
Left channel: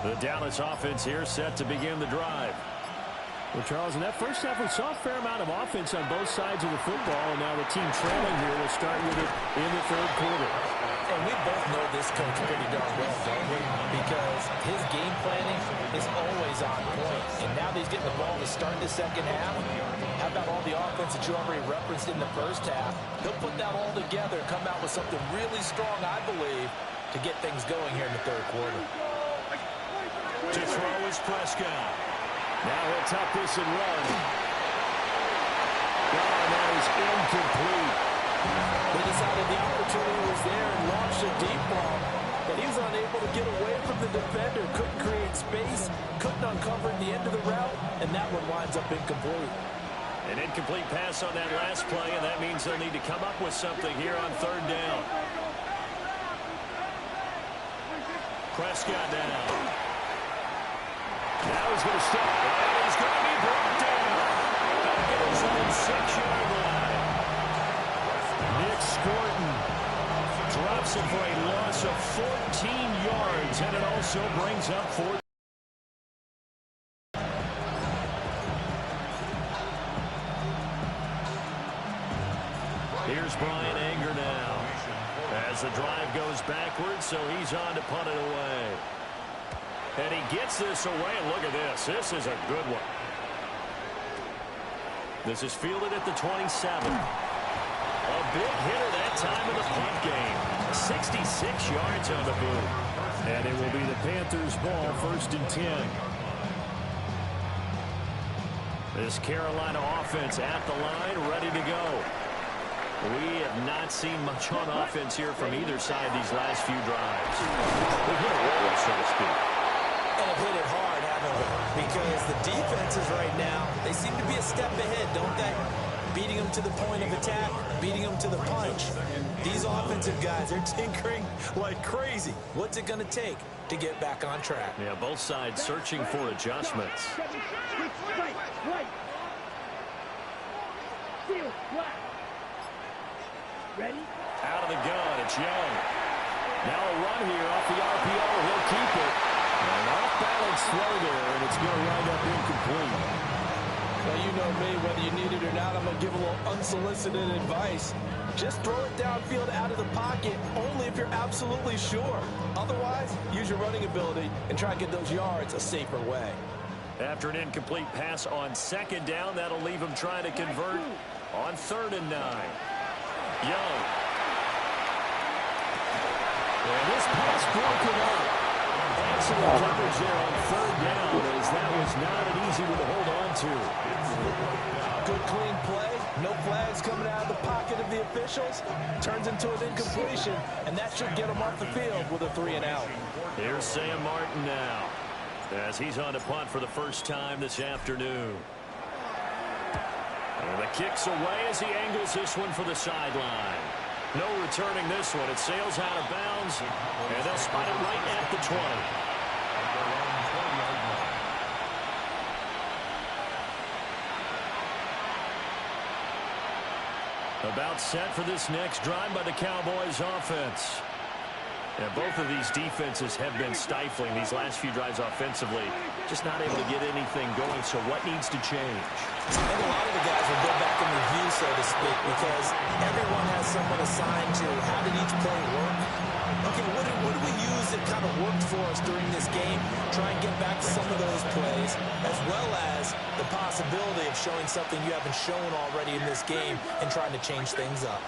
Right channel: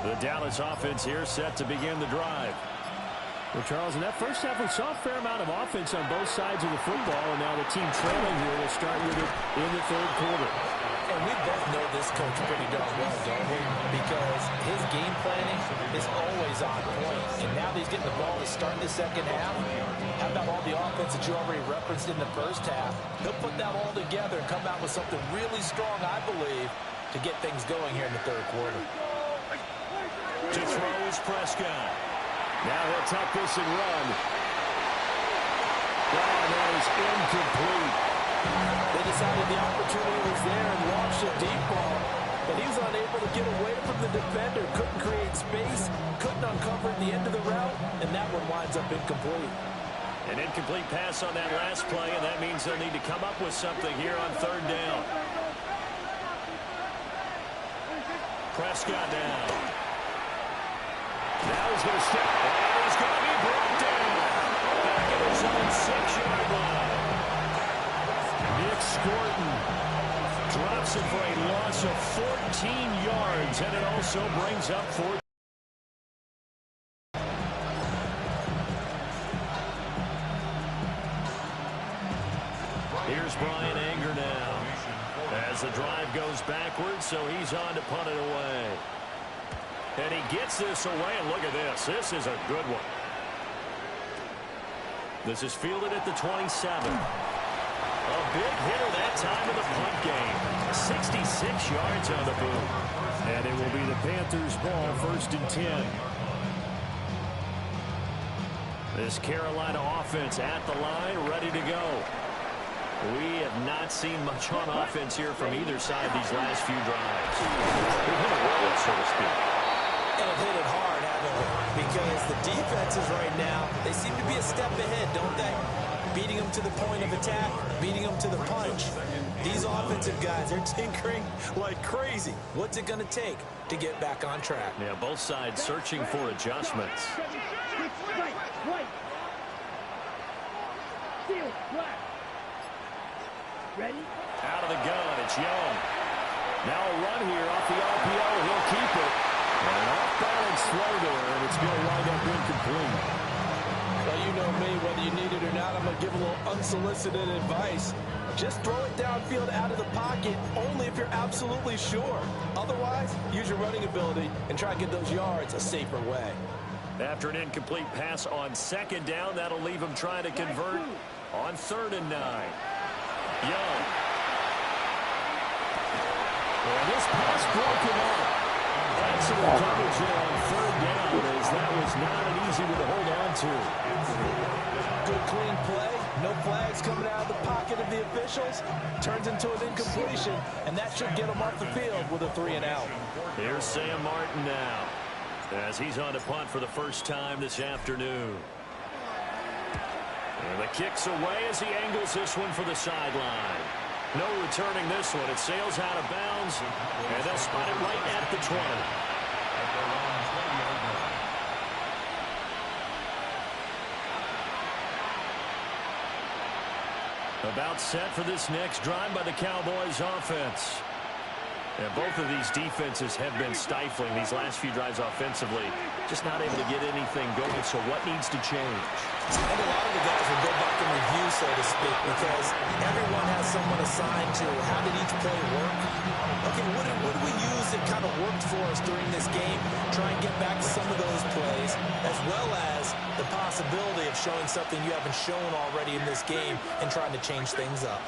The Dallas offense here set to begin the drive. Well, Charles, in that first half, we saw a fair amount of offense on both sides of the football, and now the team trailing here will start with it in the third quarter. And we both know this coach pretty darn well, don't we? Because his game planning is always on point. And now that he's getting the ball to start the second half, how about all the offense that you already referenced in the first half? He'll put that all together and come out with something really strong, I believe, to get things going here in the third quarter. To throw is Prescott. Now he'll tuck this and run. Oh, that is incomplete. They decided the opportunity was there and launched a deep ball, but he was unable to get away from the defender. Couldn't create space, couldn't uncover at the end of the route, and that one winds up incomplete. An incomplete pass on that last play, and that means they'll need to come up with something here on third down. Prescott now. Now he's going to step, and he's going to be brought down back at his own 6-yard line. Nick Scorton drops it for a loss of 14 yards, and it also brings up 4. Here's Brian Anger now as the drive goes backwards, so he's on to punt it away. And he gets this away, and look at this. This is a good one. This is fielded at the 27. A big hitter that time in the punt game. 66 yards on the boot. And it will be the Panthers' ball, 1st and 10. This Carolina offense at the line, ready to go. We have not seen much on offense here from either side these last few drives. They've hit a wall, so to speak. And have hit it hard, haven't we? Because the defenses right now, they seem to be a step ahead, don't they? Beating them to the point of attack, beating them to the punch. These offensive guys, they're tinkering like crazy. What's it going to take to get back on track? Yeah, both sides searching for adjustments. Ready? Out of the gun, it's Young. Now a run here off the RPO. He'll keep it. And an off-balance throw there, and it's going to wind up incomplete. Well, you know me, whether you need it or not, I'm going to give a little unsolicited advice. Just throw it downfield out of the pocket, only if you're absolutely sure. Otherwise, use your running ability and try to get those yards a safer way. After an incomplete pass on second down, that'll leave him trying to convert on 3rd and 9. Young. And this pass broken up. Excellent coverage there on 3rd down, as that was not an easy one to hold on to. Good clean play. No flags coming out of the pocket of the officials. Turns into an incompletion, and that should get him off the field with a 3-and-out. Here's Sam Martin now, as he's on to punt for the first time this afternoon. And the kick's away as he angles this one for the sideline. No returning this one. It sails out of bounds, and they'll spot it right at the 20. About set for this next drive by the Cowboys offense. And both of these defenses have been stifling these last few drives offensively. Just not able to get anything going, so what needs to change? I think a lot of the guys will go back and review, so to speak, because everyone has someone assigned to how did each play work. Okay, what did we use that kind of worked for us during this game? Try and get back to some of those plays, as well as the possibility of showing something you haven't shown already in this game and trying to change things up.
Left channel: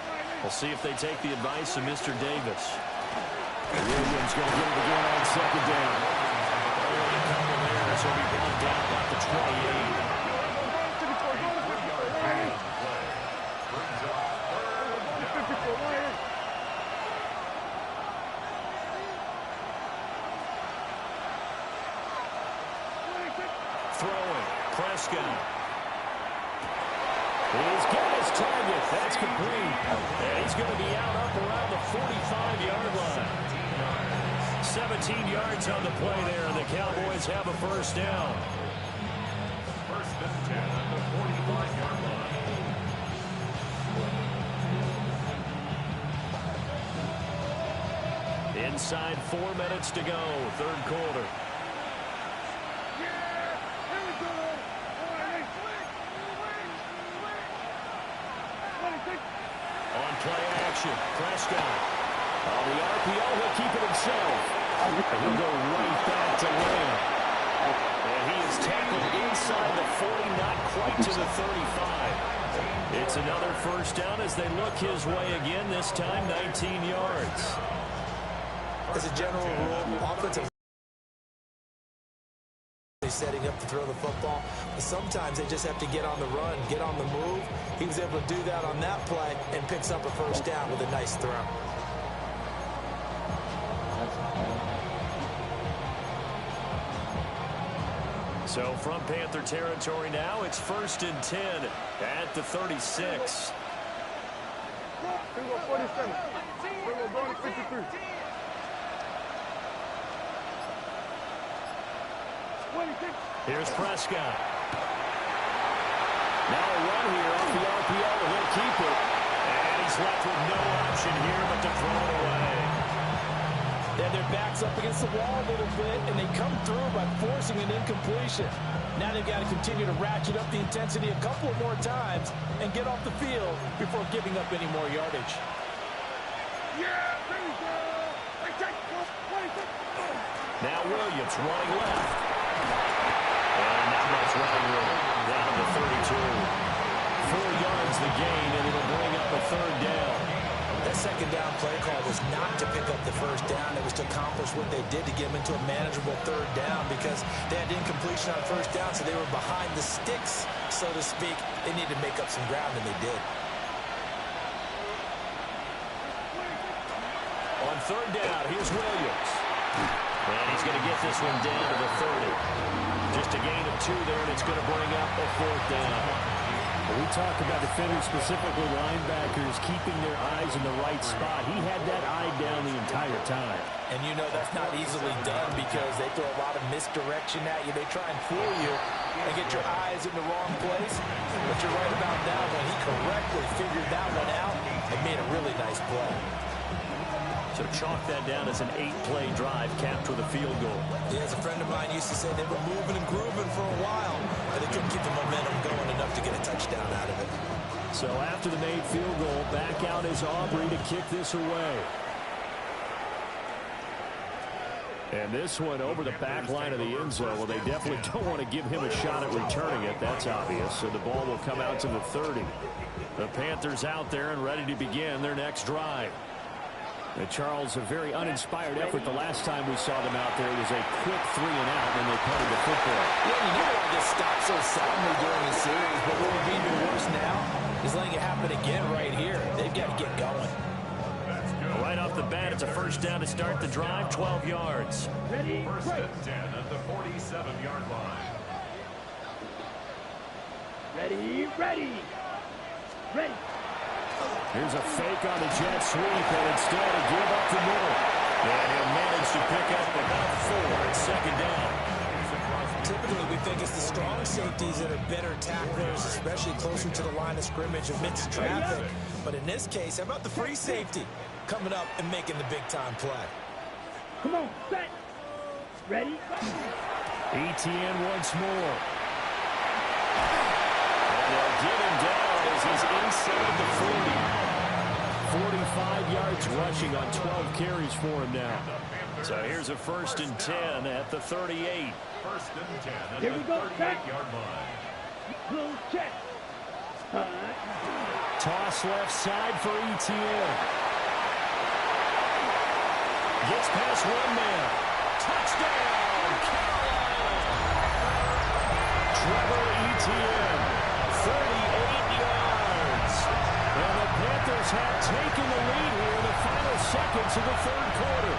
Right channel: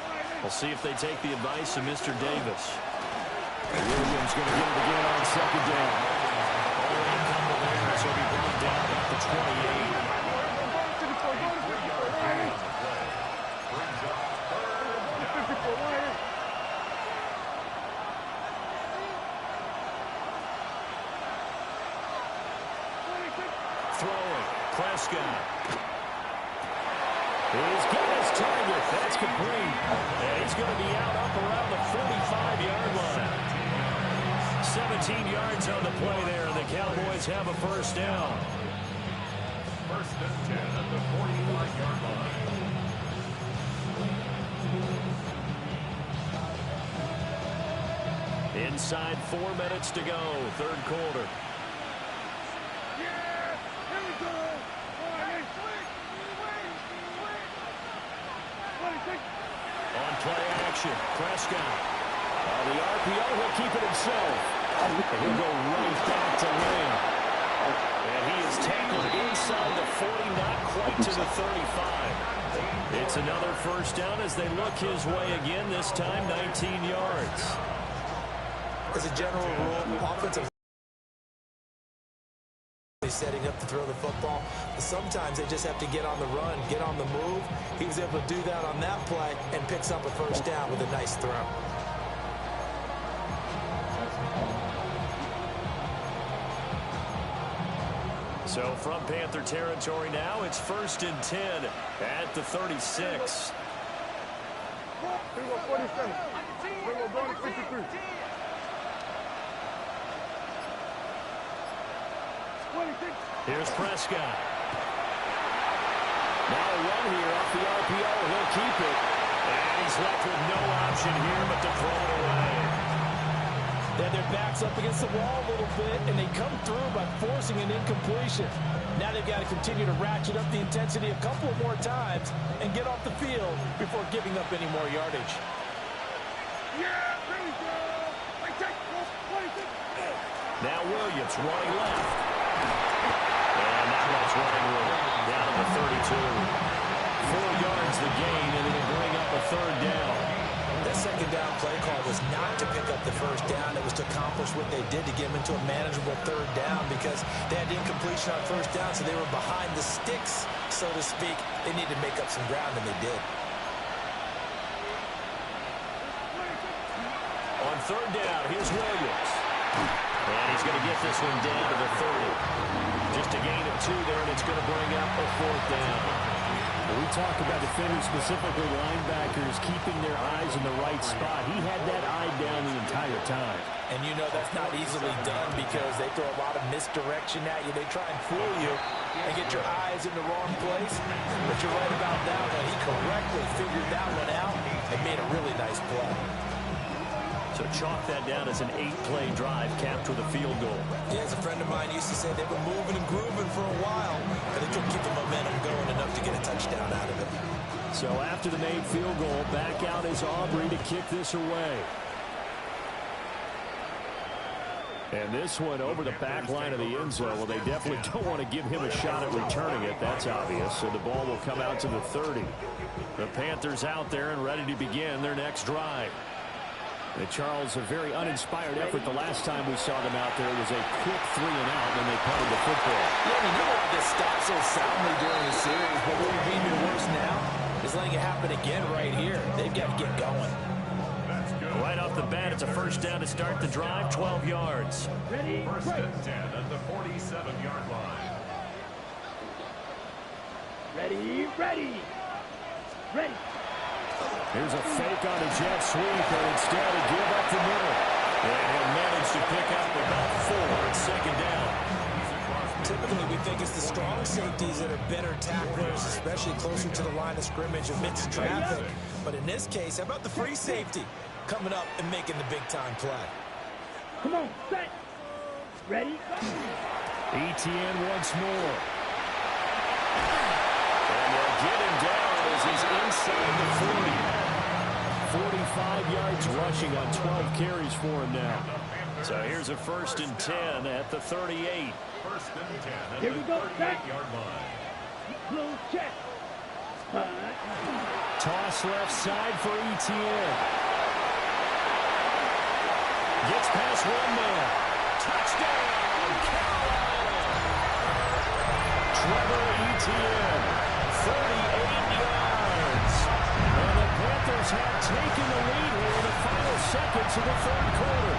We'll see if they take the advice of Mr. Davis. Williams going to get it again on 2nd down. Only a couple there, so he'll be brought down about the 28. Throwing, Prescott. He's got his target. That's complete. And he's going to be out up around the 45-yard line. 17 yards on the play there, and the Cowboys have a first down. 1st and 10 at the 45-yard line. Inside 4 minutes to go, 3rd quarter. On play action, Prescott. On the RPO, he'll keep it himself. And he'll go right back to Lamb. And he is tackled inside the 40, not quite to the 35. It's another first down as they look his way again, this time 19 yards. As a general rule, offensive setting up to throw the football, but sometimes they just have to get on the run, get on the move. He was able to do that on that play and picks up a first down with a nice throw. So from Panther territory now, it's 1st and 10 at the 36. 47. We're going to 53. Here's Prescott. Now a run here off the RPO. He'll keep it. And he's left with no option here but to throw it away. They have their backs up against the wall a little bit, and they come through by forcing an incompletion. Now they've got to continue to ratchet up the intensity a couple of more times and get off the field before giving up any more yardage. Yeah, there we go. Now Williams running left. And not much running room. Down to the 32. 4 yards the gain, and it'll bring up a 3rd down. That 2nd down play call was not to pick up the first down. It was to accomplish what they did to get them into a manageable 3rd down because they had incompletion on first down, so they were behind the sticks, so to speak. They needed to make up some ground, and they did. On third down, here's Williams. And he's going to get this one down to the 30. Just a gain of 2 there, and it's going to bring up a 4th down. When we talk about defenders, specifically linebackers, keeping their eyes in the right spot, he had that eye down the entire time. And you know that's not easily done because they throw a lot of misdirection at you. They try and fool you and get your eyes in the wrong place. But you're right about that one. He correctly figured that one out and made a really nice play. So chalk that down as an 8-play drive capped with a field goal. Yeah, as a friend of mine used to say, they were moving and grooving for a while, but they couldn't keep the momentum going enough to get a touchdown out of it. So after the made field goal, back out is Aubrey to kick this away. And this one over the back line of the end zone. Well, they definitely don't want to give him a shot at returning it. That's obvious. So the ball will come out to the 30. The Panthers out there and ready to begin their next drive. And Charles, a very uninspired effort the last time we saw them out there. It was a quick 3 and out, and then they punted the football. Yeah, you never want to get stopped so soundly during a series, but what would be even worse now is letting it happen again right here. They've got to get going. Right off the bat, it's a first down to start the drive, 12 yards. Ready, First and 10 at the 47-yard line. ready, ready, ready. Here's a fake on the jet sweep, and instead a give up the middle. And he'll manage to pick up about 4 at second down. Typically, we think it's the strong safeties that are better tacklers, especially closer to the line of scrimmage amidst traffic. But in this case, how about the free safety coming up and making the big-time play? Come on, set. Ready, go. ETN once more. And they'll get him down as he's inside the 40. 45 yards rushing on 12 carries for him now. So here's a first and 10 at the 38. First and 10 at Here the we go, 38-yard line. Blue check. Toss left side for ETN. Gets past one man. Touchdown, Carolina. Trevor Etienne, 38 yards. And the Panthers have taken the lead here in the final seconds of the third quarter.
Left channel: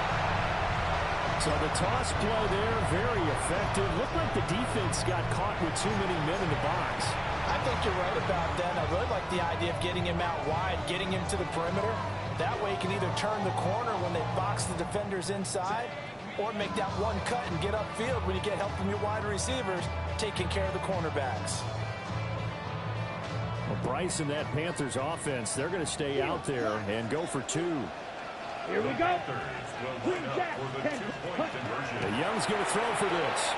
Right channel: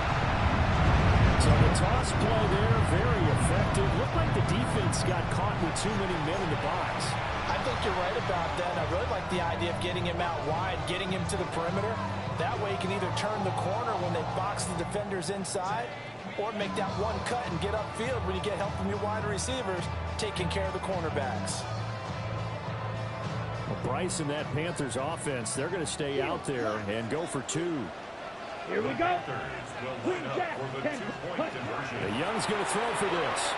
So the toss play there, very effective. Looked like the defense got caught with too many men in the box. I think you're right about that. I really like the idea of getting him out wide, getting him to the perimeter. That way you can either turn the corner when they box the defenders inside or make that one cut and get upfield when you get help from your wide receivers taking care of the cornerbacks. Well, Bryce and that Panthers offense, they're going to stay out there and go for 2. Here we go. Panthers will line up for the 2-point conversion. The Young's going to throw for this.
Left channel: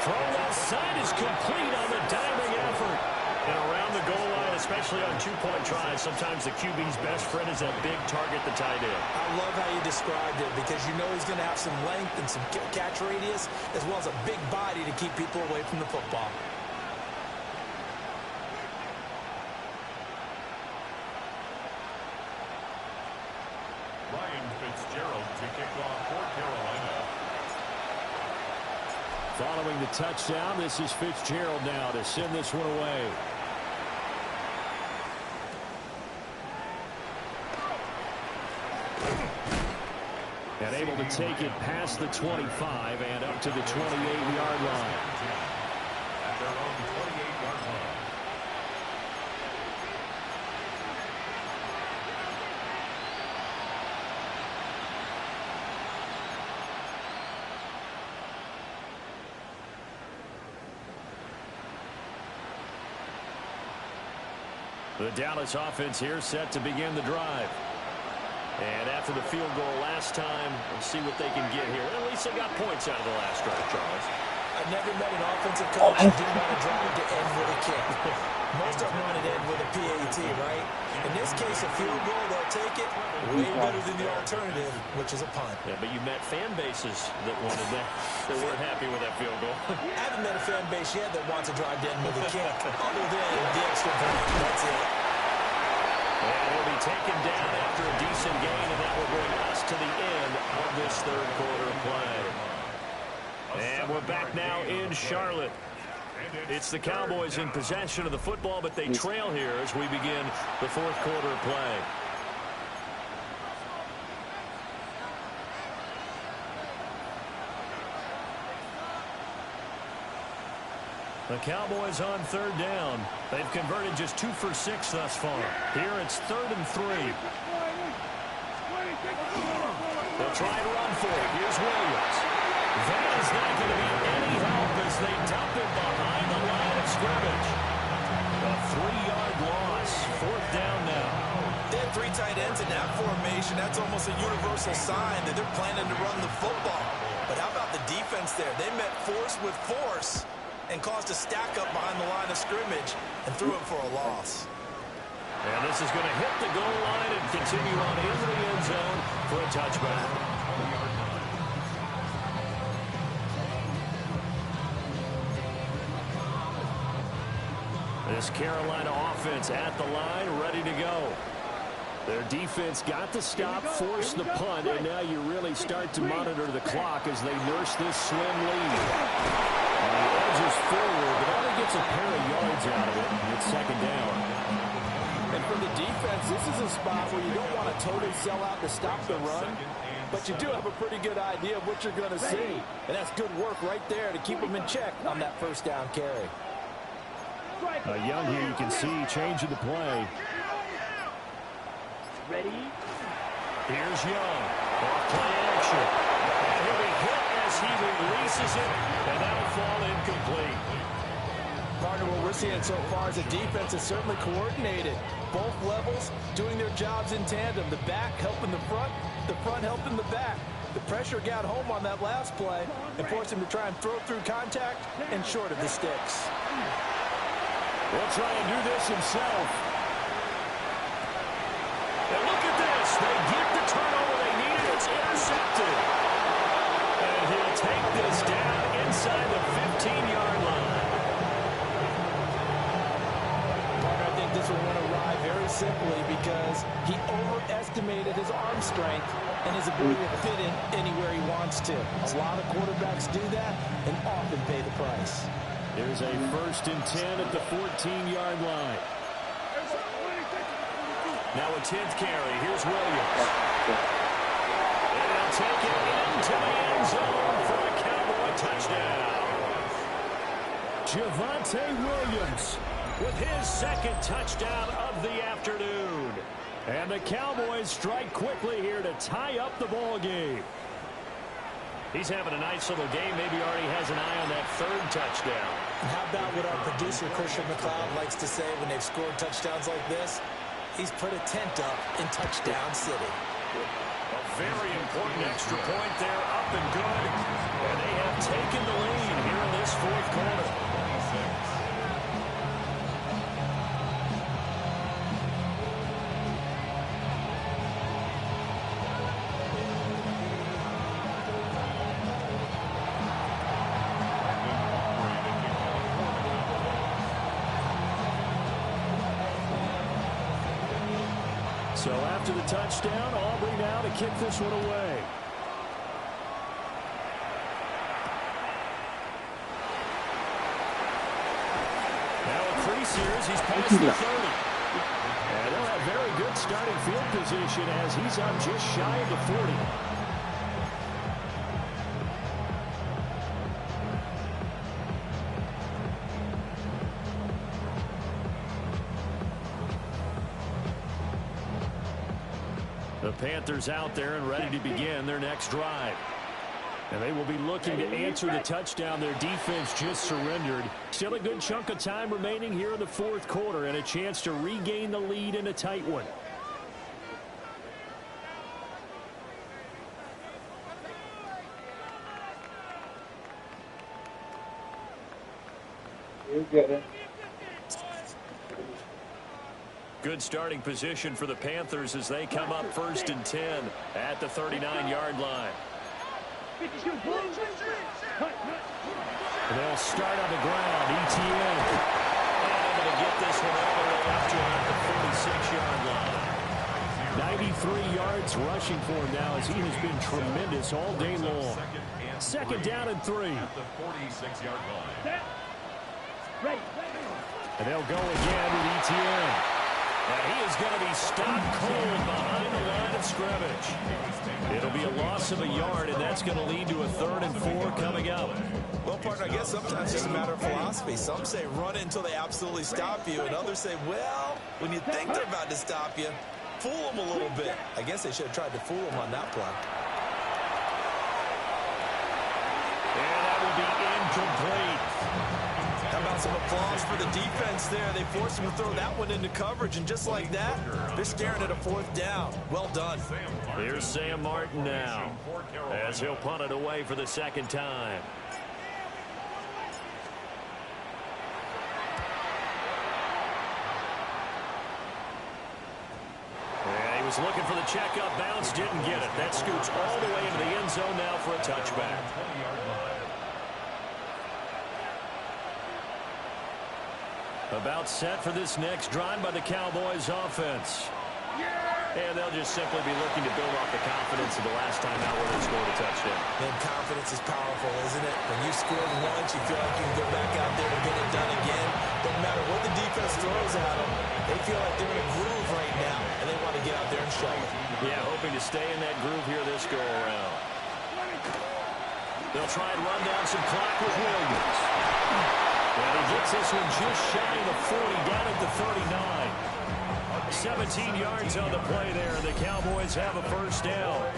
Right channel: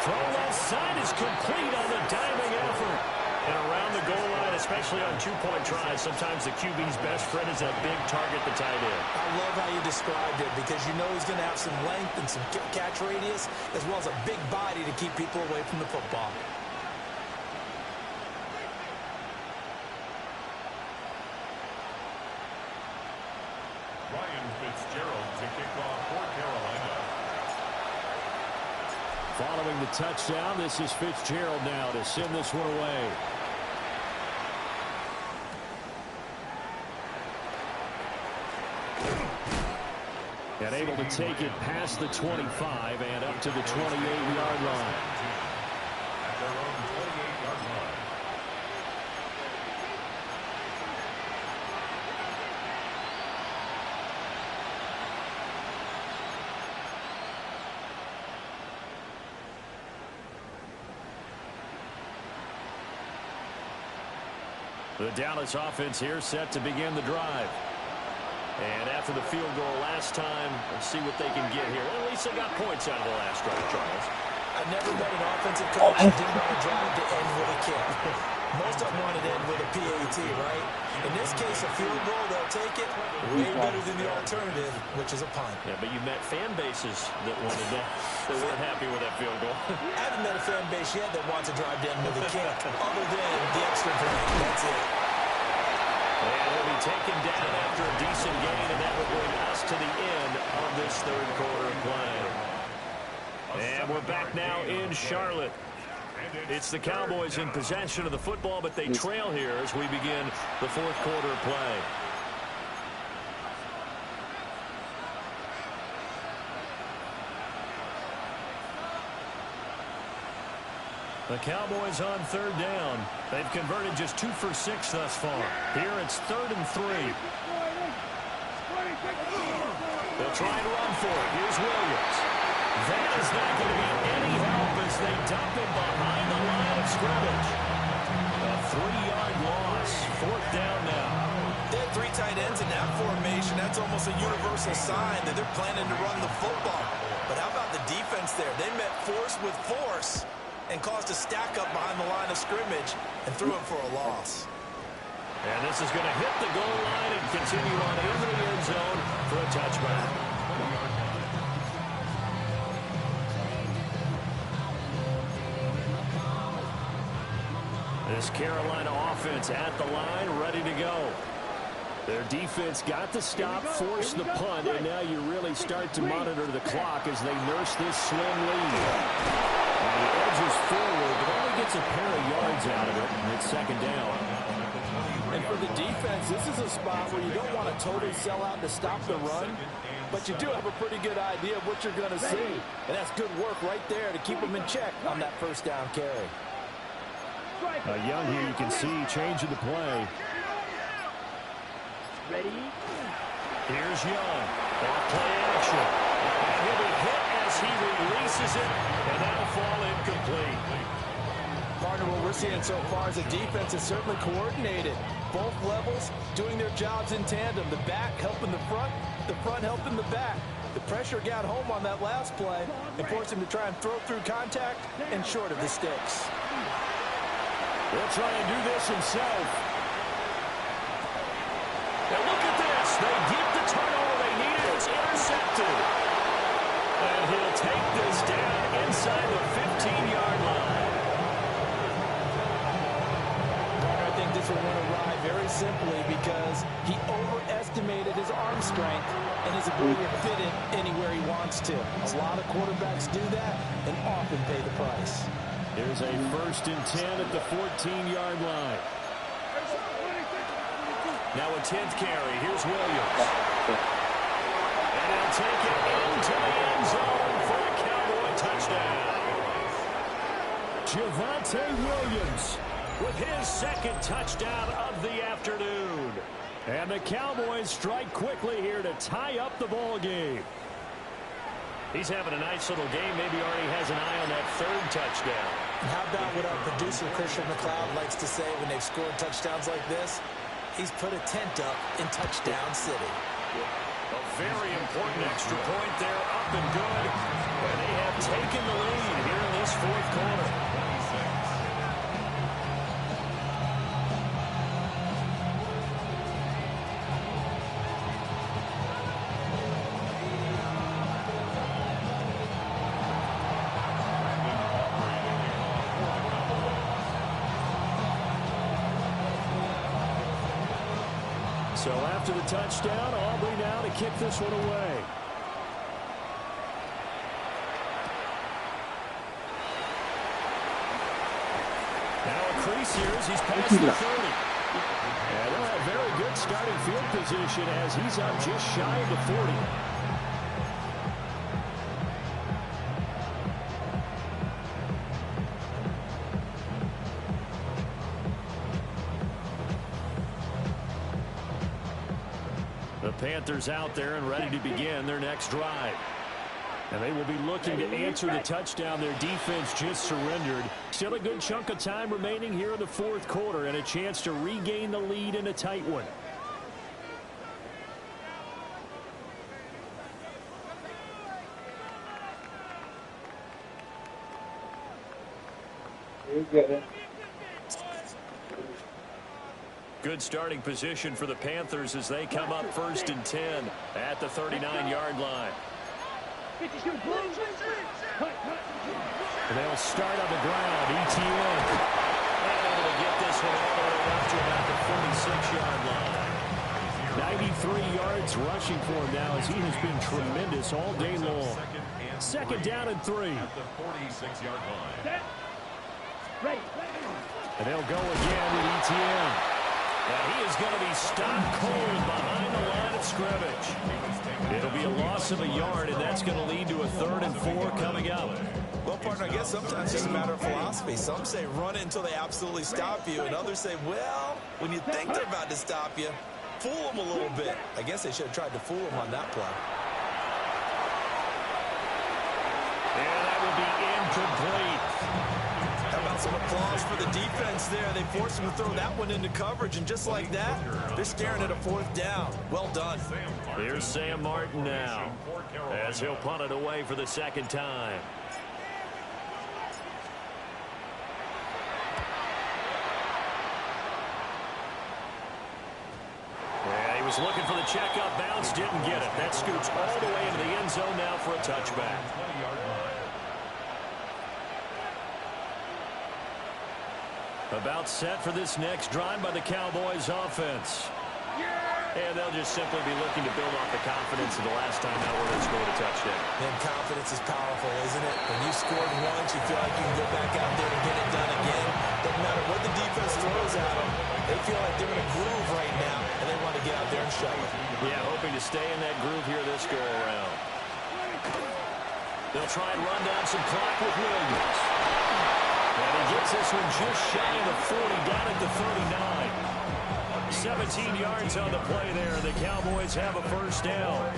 Throw left side is complete on the diving effort. And around the goal line, especially on 2-point tries, sometimes the QB's best friend is that big target, the tight end. I love how you described it because you know he's going to have some length and some catch radius as well as a big body to keep people away from the football. Ryan Fitzgerald to kick off for Carolina. Following the touchdown, this is Fitzgerald now to send this one away. And able to take it past the 25 and up to the 28-yard line. At their own 28-yard line. The Dallas offense here set to begin the drive. And after the field goal last time, we'll see what they can get here. At least they got points out of the last drive, Charles. I never met an offensive coach who didn't want to drive to end with a kick. Most of them wanted to end with a PAT, right? In this case, a field goal, they'll take it way better than the alternative, which is a punt. Yeah, but you met fan bases that wanted that, that weren't happy with that field goal. I haven't met a fan base yet that wants to drive to end with a kick, other than the extra point. That's it. And he'll be taken down after a decent gain, and that will bring us to the end of this third quarter of play. And we're back now in Charlotte. It's the Cowboys in possession of the football, but they trail here as we begin the fourth quarter of play. The Cowboys on third down. They've converted just 2 for 6 thus far. Here it's 3rd and 3. They'll try and run for it. Here's Williams. That is not going to be any help as they dump him behind the line of scrimmage. A 3-yard loss. 4th down now. They had 3 tight ends in that formation. That's almost a universal sign that they're planning to run the football. But how about the defense there? They met force with force and caused a stack up behind the line of scrimmage and threw it for a loss. And this is going to hit the goal line and continue on into the end zone for a touchback. This Carolina offense at the line, ready to go. Their defense got the stop, forced the punt, and now you really start to monitor the clock as they nurse this slim lead. And he edges forward, but only gets a pair of yards out of it, and it's 2nd down. And for the defense, this is a spot where you don't want to totally sell out to stop the run, but you do have a pretty good idea of what you're going to see. And that's good work right there to keep them in check on that 1st down carry. Young here, you can see changing the play. Ready? Here's Young. Off play action. And he'll be hit as he releases it, and that'll fall incomplete. Partner, what we're seeing so far is the defense is certainly coordinated. Both levels doing their jobs in tandem. The back helping the front helping the back. The pressure got home on that last play and forced him to try and throw through contact and short of the sticks. He'll try and do this himself. And look at this. They get the turnover they needed. It's intercepted. And he'll take this down inside the 15-yard line. Partner, I think this will win a ride very simply because he overestimated his arm strength and his ability to fit in anywhere he wants to. A lot of quarterbacks do that and often pay the price. There's a 1st and 10 at the 14-yard line. Now a 10th carry. Here's Williams. And he'll take it into the end zone for a Cowboy touchdown. Javonte Williams with his 2nd touchdown of the afternoon. And the Cowboys strike quickly here to tie up the ball game. He's having a nice little game. Maybe already has an eye on that 3rd touchdown. And how about what our producer, Christian McLeod, likes to say when they've scored touchdowns like this? He's put a tent up in Touchdown City. A very important extra point there, up and good. And they have taken the lead here in this 4th quarter. So after the touchdown, Aubrey now to kick this one away. Now a crease here as he's past the 30. And they'll have very good starting field position as he's up just shy of the 40. The Panthers out there and ready to begin their next drive. And they will be looking to answer the touchdown their defense just surrendered. Still a good chunk of time remaining here in the 4th quarter and a chance to regain the lead in a tight one. You get it. Good starting position for the Panthers as they come up 1st and 10 at the 39-yard line. And they'll start on the ground. ETN. And able to get this one all the way up to about the 46-yard line. 93 yards rushing for him now as he has been tremendous all day long. 2nd down and 3. At the 46-yard line. Ready. And they'll go again with ETN. And he is going to be stopped cold behind the line of scrimmage. It'll be a loss of a yard, and that's going to lead to a 3rd and 4 coming up. Well, partner, I guess sometimes it's just a matter of philosophy. Some say run it until they absolutely stop you, and others say, well, when you think they're about to stop you, fool them a little bit. I guess they should have tried to fool them on that play. And that will be incomplete. How about some applause for the defense there? They forced him to throw that one into coverage, and just like that, they're staring at a 4th down. Well done. Here's Sam Martin now, as he'll punt it away for the 2nd time. Yeah, he was looking for the checkup bounce, didn't get it. That scoots all the way into the end zone now for a touchback. About set for this next drive by the Cowboys offense. And they'll just simply be looking to build off the confidence of the last time out where they scored a touchdown. Man, confidence is powerful, isn't it? When you scored once, you feel like you can go back out there and get it done again. Doesn't matter what the defense throws at them. They feel like they're in a groove right now, and they want to get out there and show it. Yeah, hoping to stay in that groove here this go-around. They'll try and run down some clock with Williams. And he gets this one just shy of the 40, down at the 39. 17 yards on the play there. The Cowboys have a 1st down.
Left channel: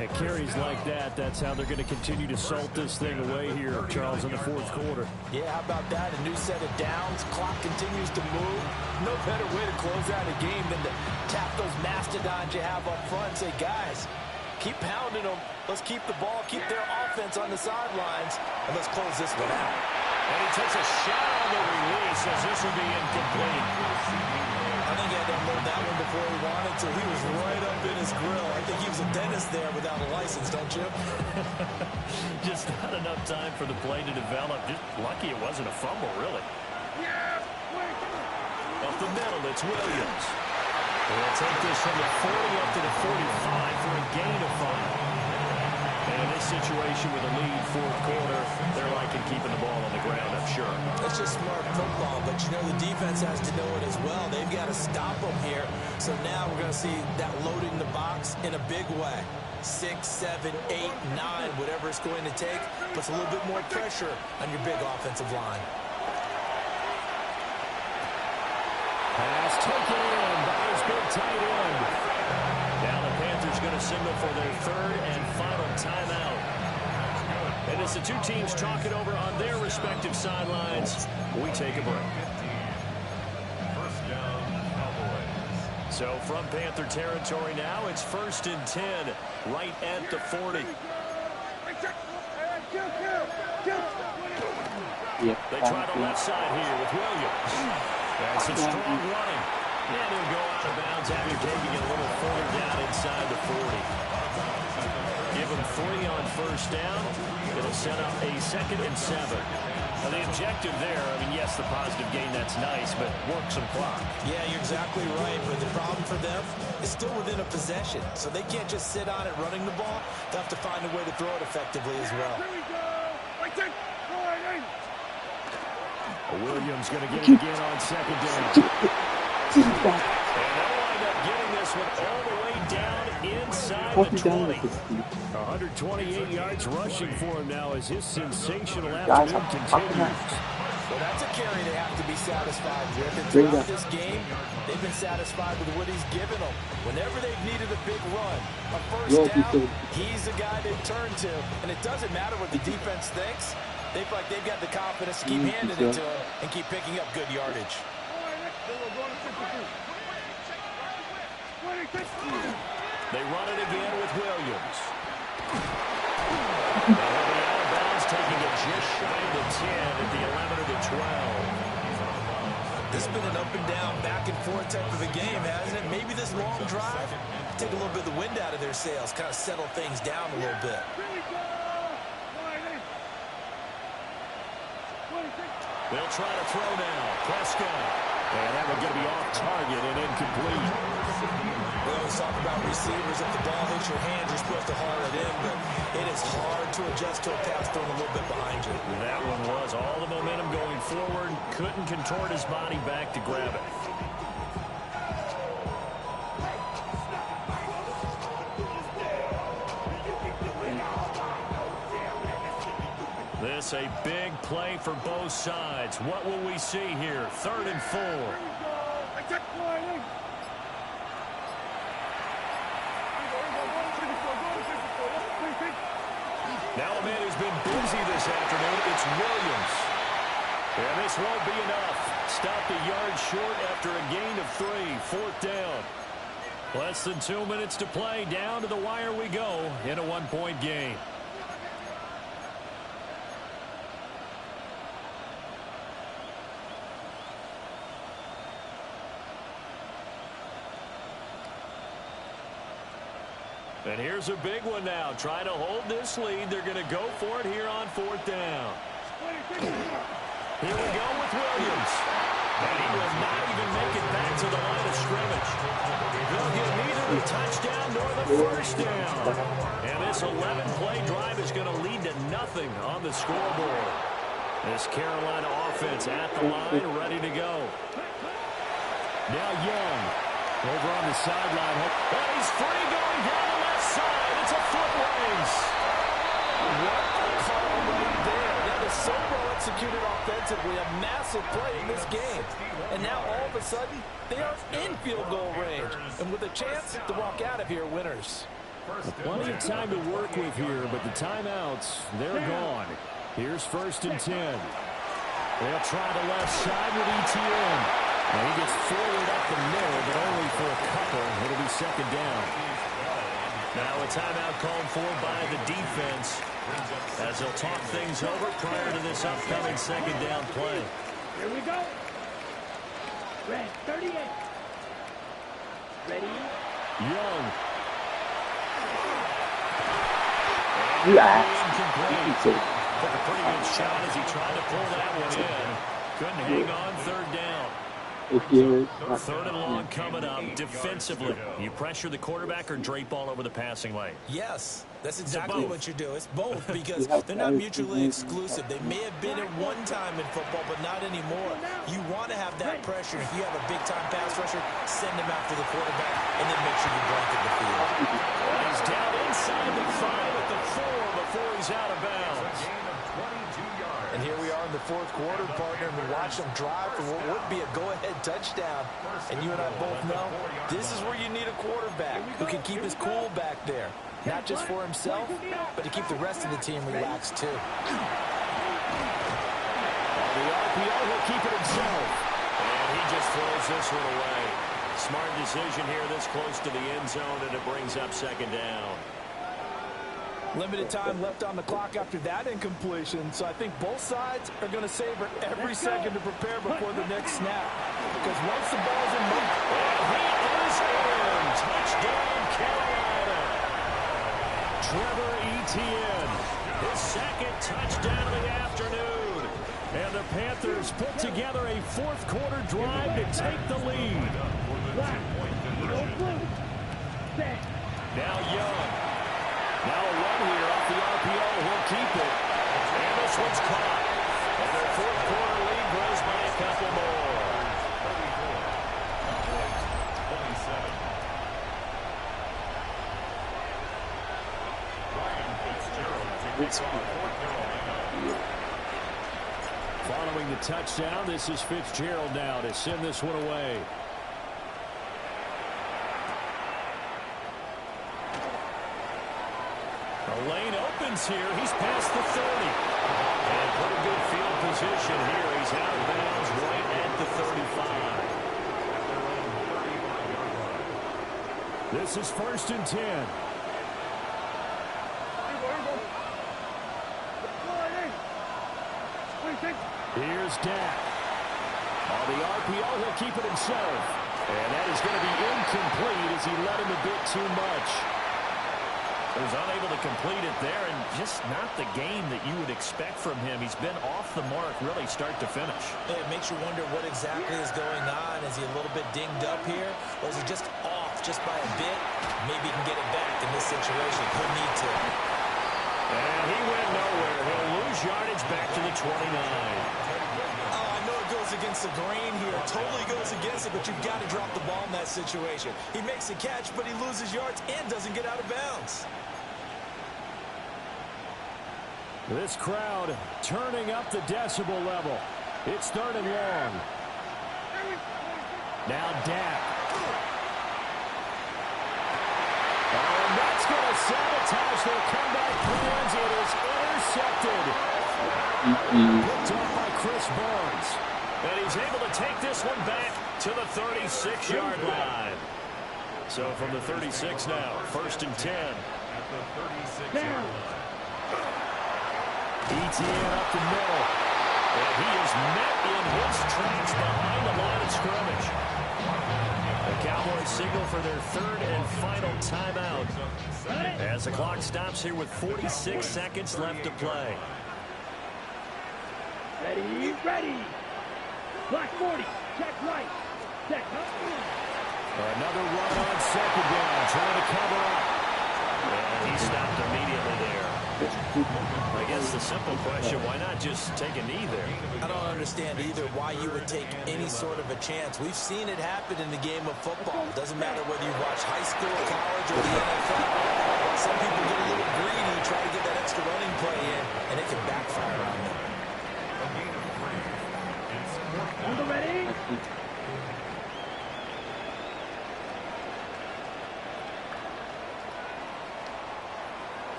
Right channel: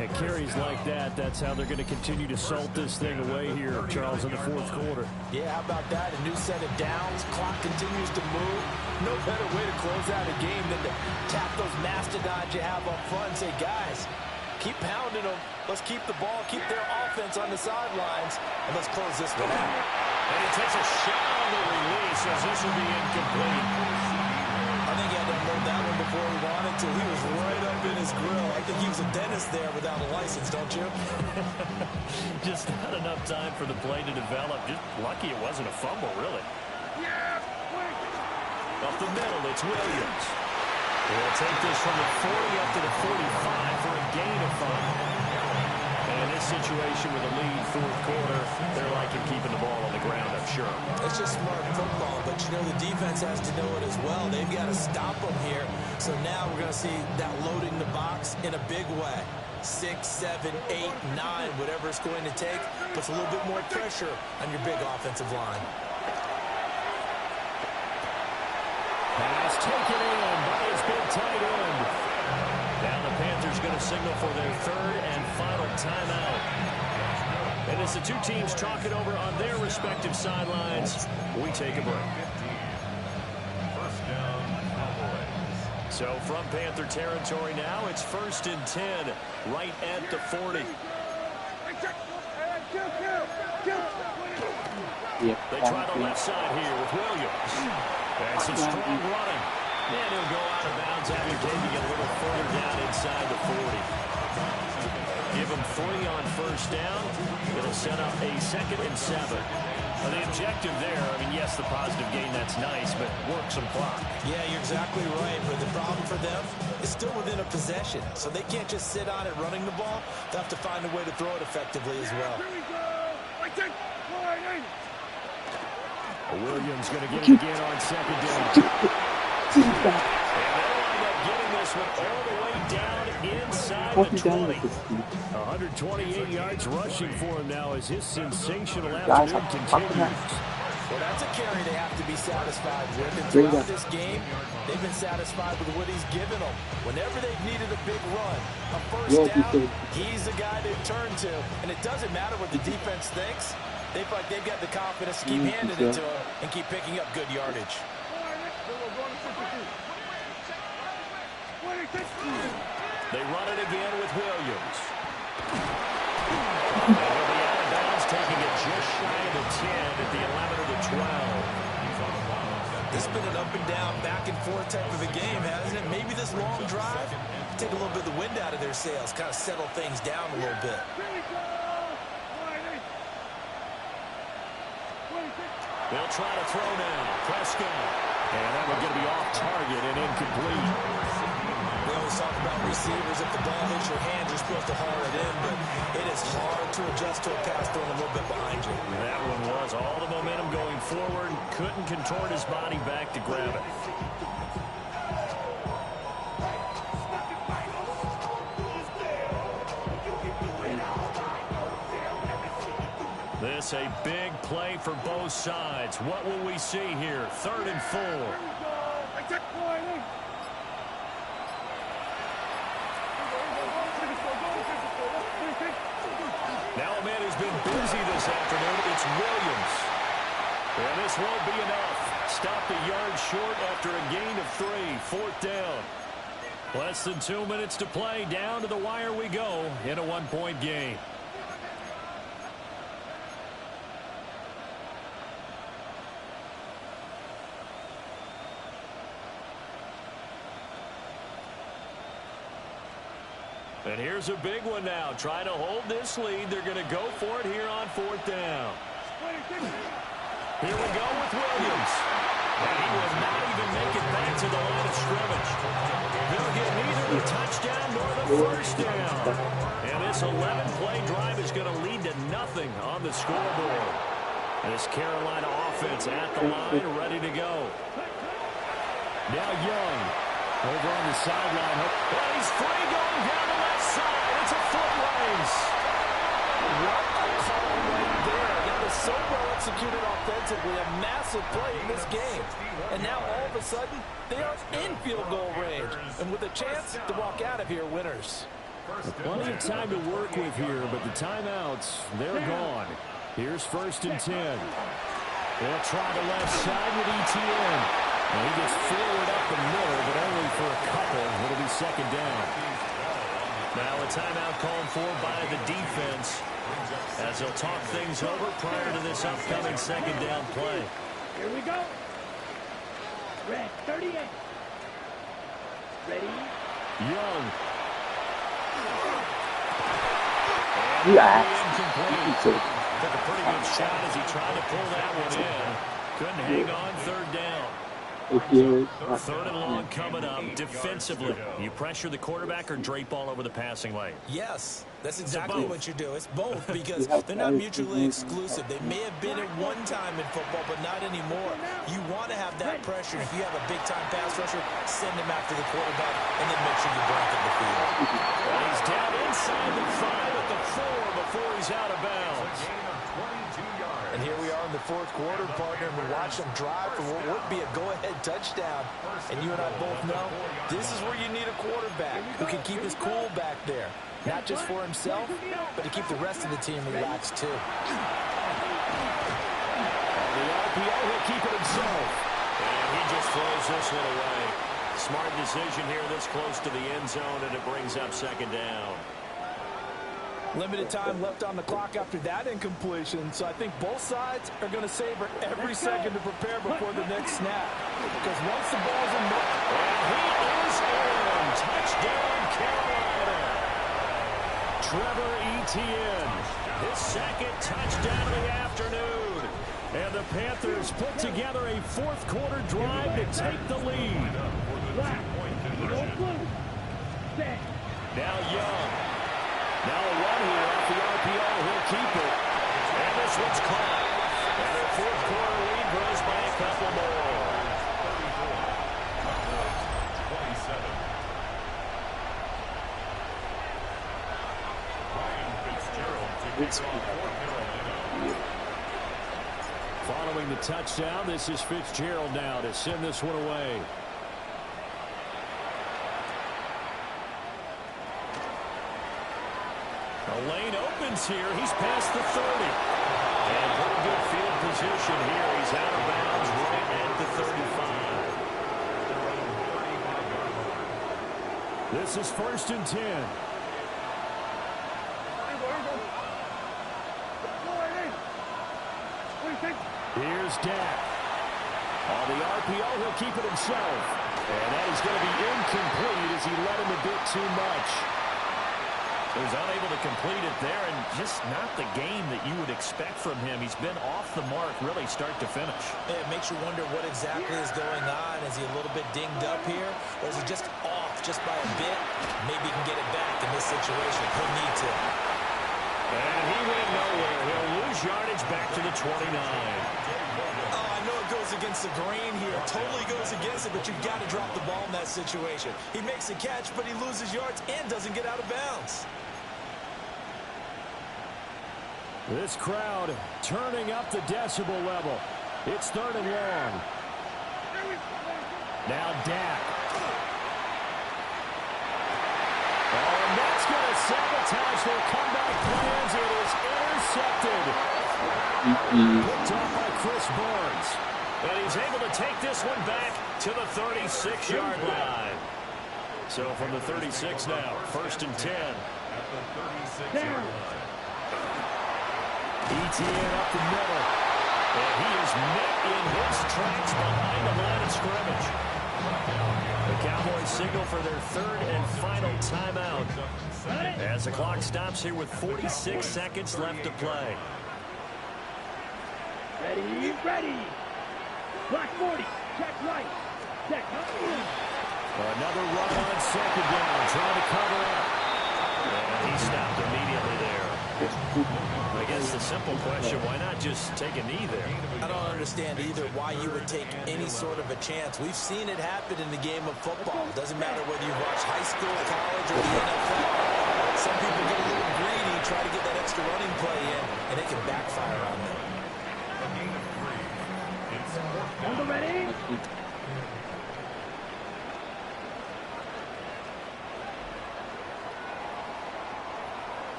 At carries like that, that's how they're going to continue to salt this thing away here, Charles, in the 4th quarter. Yeah, how about that? A new set of downs. Clock continues to move. No better way to close out a game than to tap those mastodons you have up front and say, guys, keep pounding them. Let's keep the ball, keep their offense on the sidelines, and let's close this one out. And he takes a shot on the release as this will be incomplete. I think he had to unload that one before he wanted to. He was right up in his grill. I think he was a dentist there without a license, don't you? Just not enough time for the play to develop. Just lucky it wasn't a fumble, really. Up the middle, it's Williams. He'll take this from the 40 up to the 45 for a gain of 5. And in this situation with a lead 4th quarter, they're liking keeping the ball on the ground, I'm sure. It's just smart football, but you know the defense has to know it as well. They've got to stop them here. So now we're going to see that loading the box in a big way. 6, 7, 8, 9, whatever it's going to take, puts a little bit more pressure on your big offensive line. Pass taken in by his big tight end. Now the Panthers going to signal for their 3rd and final timeout. And as the two teams talk it over on their respective sidelines, we take a break. 1st down, Cowboys. So from Panther territory now, it's 1st and 10, right at the 40. They try the left side here with Williams. And some strong running. And he'll go out of bounds after taking it a little further down inside the 40. Give him 3 on 1st down. It'll set up a 2nd and 7. Now the objective there, I mean, yes, the positive gain, that's nice, but work some clock. Yeah, you're exactly right, but the problem for them is still within a possession. So they can't just sit on it running the ball. They'll have to find a way to throw it effectively as well. Williams going to get it again on 2nd down. And they'll wind up getting this one all the way down inside the 20. 128 yards rushing for him now as his sensational afternoon continues. Well, that's a carry they have to be satisfied with. And throughout this game, they've been satisfied with what he's given them. Whenever they've needed a big run, a 1st down, he's the guy they've turned to. And it doesn't matter what the defense thinks. They feel like they've got the confidence to keep handing it to him and keep picking up good yardage. They run it again with Williams. And he'll be out of bounds, taking it just shy of the 10 at the 11 or the 12. This has been an up and down, back and forth type of a game, hasn't it? Maybe this long drive, take a little bit of the wind out of their sails, kind of settle things down a little bit. They'll try to throw now. Prescott. And that one's going to be off target and incomplete. We always talk about receivers. If the ball hits your hand, you're supposed to haul it in, but it is hard to adjust to a pass thrown a little bit behind you. That one was all the momentum going forward. Couldn't contort his body back to grab it. this a big play for both sides. What will we see here? 3rd and 4. Now a man who's been busy this afternoon, it's Williams. And this won't be enough. Stopped a yard short after a gain of 3. 4th down. Less than 2 minutes to play. Down to the wire we go in a 1-point game. And here's a big one now. Trying to hold this lead. They're going to go for it here on 4th down. Here we go with Williams. And he will not even make it back to the line of scrimmage. They'll get neither the touchdown nor the 1st down. And this 11-play drive is going to lead to nothing on the scoreboard. This Carolina offense at the line, ready to go. Now Young over on the sideline. And he's free going down the left side. It's a foot race. What a call right there. That is so well executed offensively. A massive play in this game. And now all of a sudden, they are in field goal range. And with a chance to walk out of here winners. Plenty of time to work with here, but the timeouts, they're gone. Here's 1st and 10. They'll try the left side with ETN. Now he gets forward up the middle, but only for a couple. It'll be 2nd down. Now a timeout called for by the defense as they'll talk things over prior to this upcoming 2nd down play. Here we go. Red 38. Ready? Young. Yeah. Took a pretty good shot as he tried to pull that one in. Couldn't hang on 3rd down. 3rd and long coming up. Defensively, you pressure the quarterback or drape all over the passing lane? Yes, that's exactly what you do. It's both because they're not mutually exclusive. They may have been at one time in football, but not anymore. You want to have that pressure. If you have a big-time pass rusher, send him after the quarterback and then make sure you blanket the field. He's down inside the 5 at the 4 before he's out of bounds. And here we are in the 4th quarter, partner, and we watch them drive for what would be a go-ahead touchdown. And you and I both know this is where you need a quarterback who can keep his cool back there. Not just for himself, but to keep the rest of the team relaxed, too. On the RPO, he'll keep it himself. And he just throws this one away. Smart decision here this close to the end zone, and it brings up 2nd down. Limited time left on the clock after that incompletion, so I think both sides are going to savor every second to prepare before the next snap. Because once the ball's in motion... And he is in. Touchdown, Carolina. Trevor Etienne, his 2nd touchdown of the afternoon. And the Panthers put together a 4th quarter drive to take the lead. Now Young. Now a run here off the RPO. He'll keep it. And this one's caught. And their 4th quarter lead grows by a couple more. 27. Ryan Fitzgerald to kick off for Carolina. Following the touchdown, this is Fitzgerald now to send this one away. The lane opens here. He's past the 30. And pretty good field position here. He's out of bounds right at the 35. At their own 35-yard line. This is 1st and 10. Here's Dak. On the RPO, he'll keep it himself. And that is going to be incomplete as he let him a bit too much. He was unable to complete it there, and just not the game that you would expect from him. He's been off the mark really start to finish. It makes you wonder what exactly is going on. Is he a little bit dinged up here, or is he just off just by a bit? Maybe he can get it back in this situation. He'll need to. And he went nowhere. He'll lose yardage back to the 29. Oh, I know it goes against the grain here. Totally goes against it, but you've got to drop the ball in that situation. He makes a catch, but he loses yards and doesn't get out of bounds. This crowd turning up the decibel level. It's 3rd and long. Now Dak. Oh, and that's going to sabotage their comeback plans. It is intercepted. Picked off by Chris Barnes. And he's able to take this one back to the 36-yard line. So from the 36 now, 1st and 10. At the 36-yard line. ETN up the middle. And he is met in his tracks behind the line of scrimmage. The Cowboys signal for their 3rd and final timeout as the clock stops here with 46 seconds left to play. Ready, ready. Black 40, check right. Check up. Another run on 2nd down, trying to cover up. And he stopped immediately there. I guess the simple question, why not just take a knee there? I don't understand either why you would take any sort of a chance. We've seen it happen in the game of football. It doesn't matter whether you watch high school, college, or the NFL. Some people get a little greedy, try to get that extra running play in, and it can backfire on them. A gain of 3. It's 4th down. On the ready.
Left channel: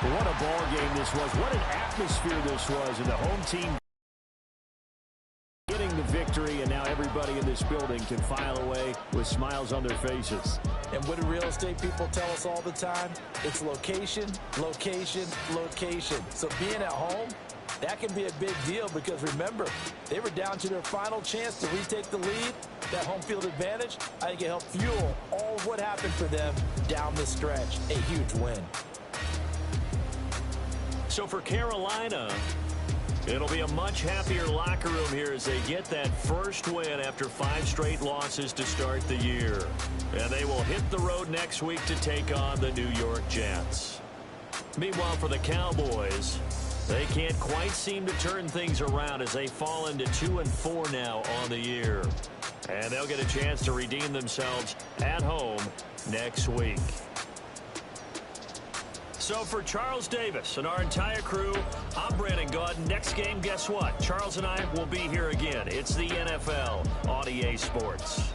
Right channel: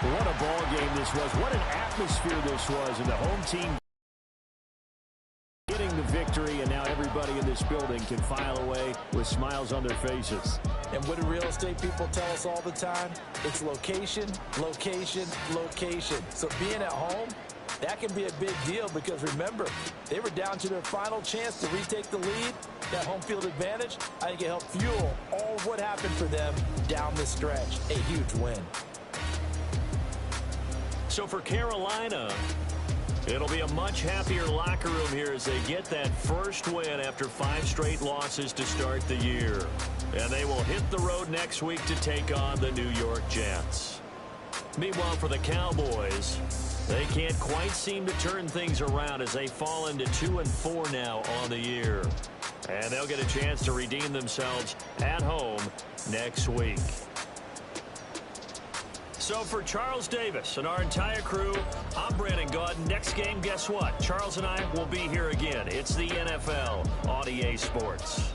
What a ball game this was. What an atmosphere this was. And the home team getting the victory. And now everybody in this building can file away with smiles on their faces. And what do real estate people tell us all the time? It's location, location, location. So being at home, that can be a big deal because, remember, they were down to their final chance to retake the lead. That home field advantage, I think it helped fuel all of what happened for them down the stretch. A huge win. So for Carolina, it'll be a much happier locker room here as they get that first win after 5 straight losses to start the year. And they will hit the road next week to take on the New York Jets. Meanwhile, for the Cowboys, they can't quite seem to turn things around as they fall into 2-4 now on the year. And they'll get a chance to redeem themselves at home next week. So for Charles Davis and our entire crew, I'm Brandon Gaudin. Next game, guess what? Charles and I will be here again. It's the NFL on EA Sports.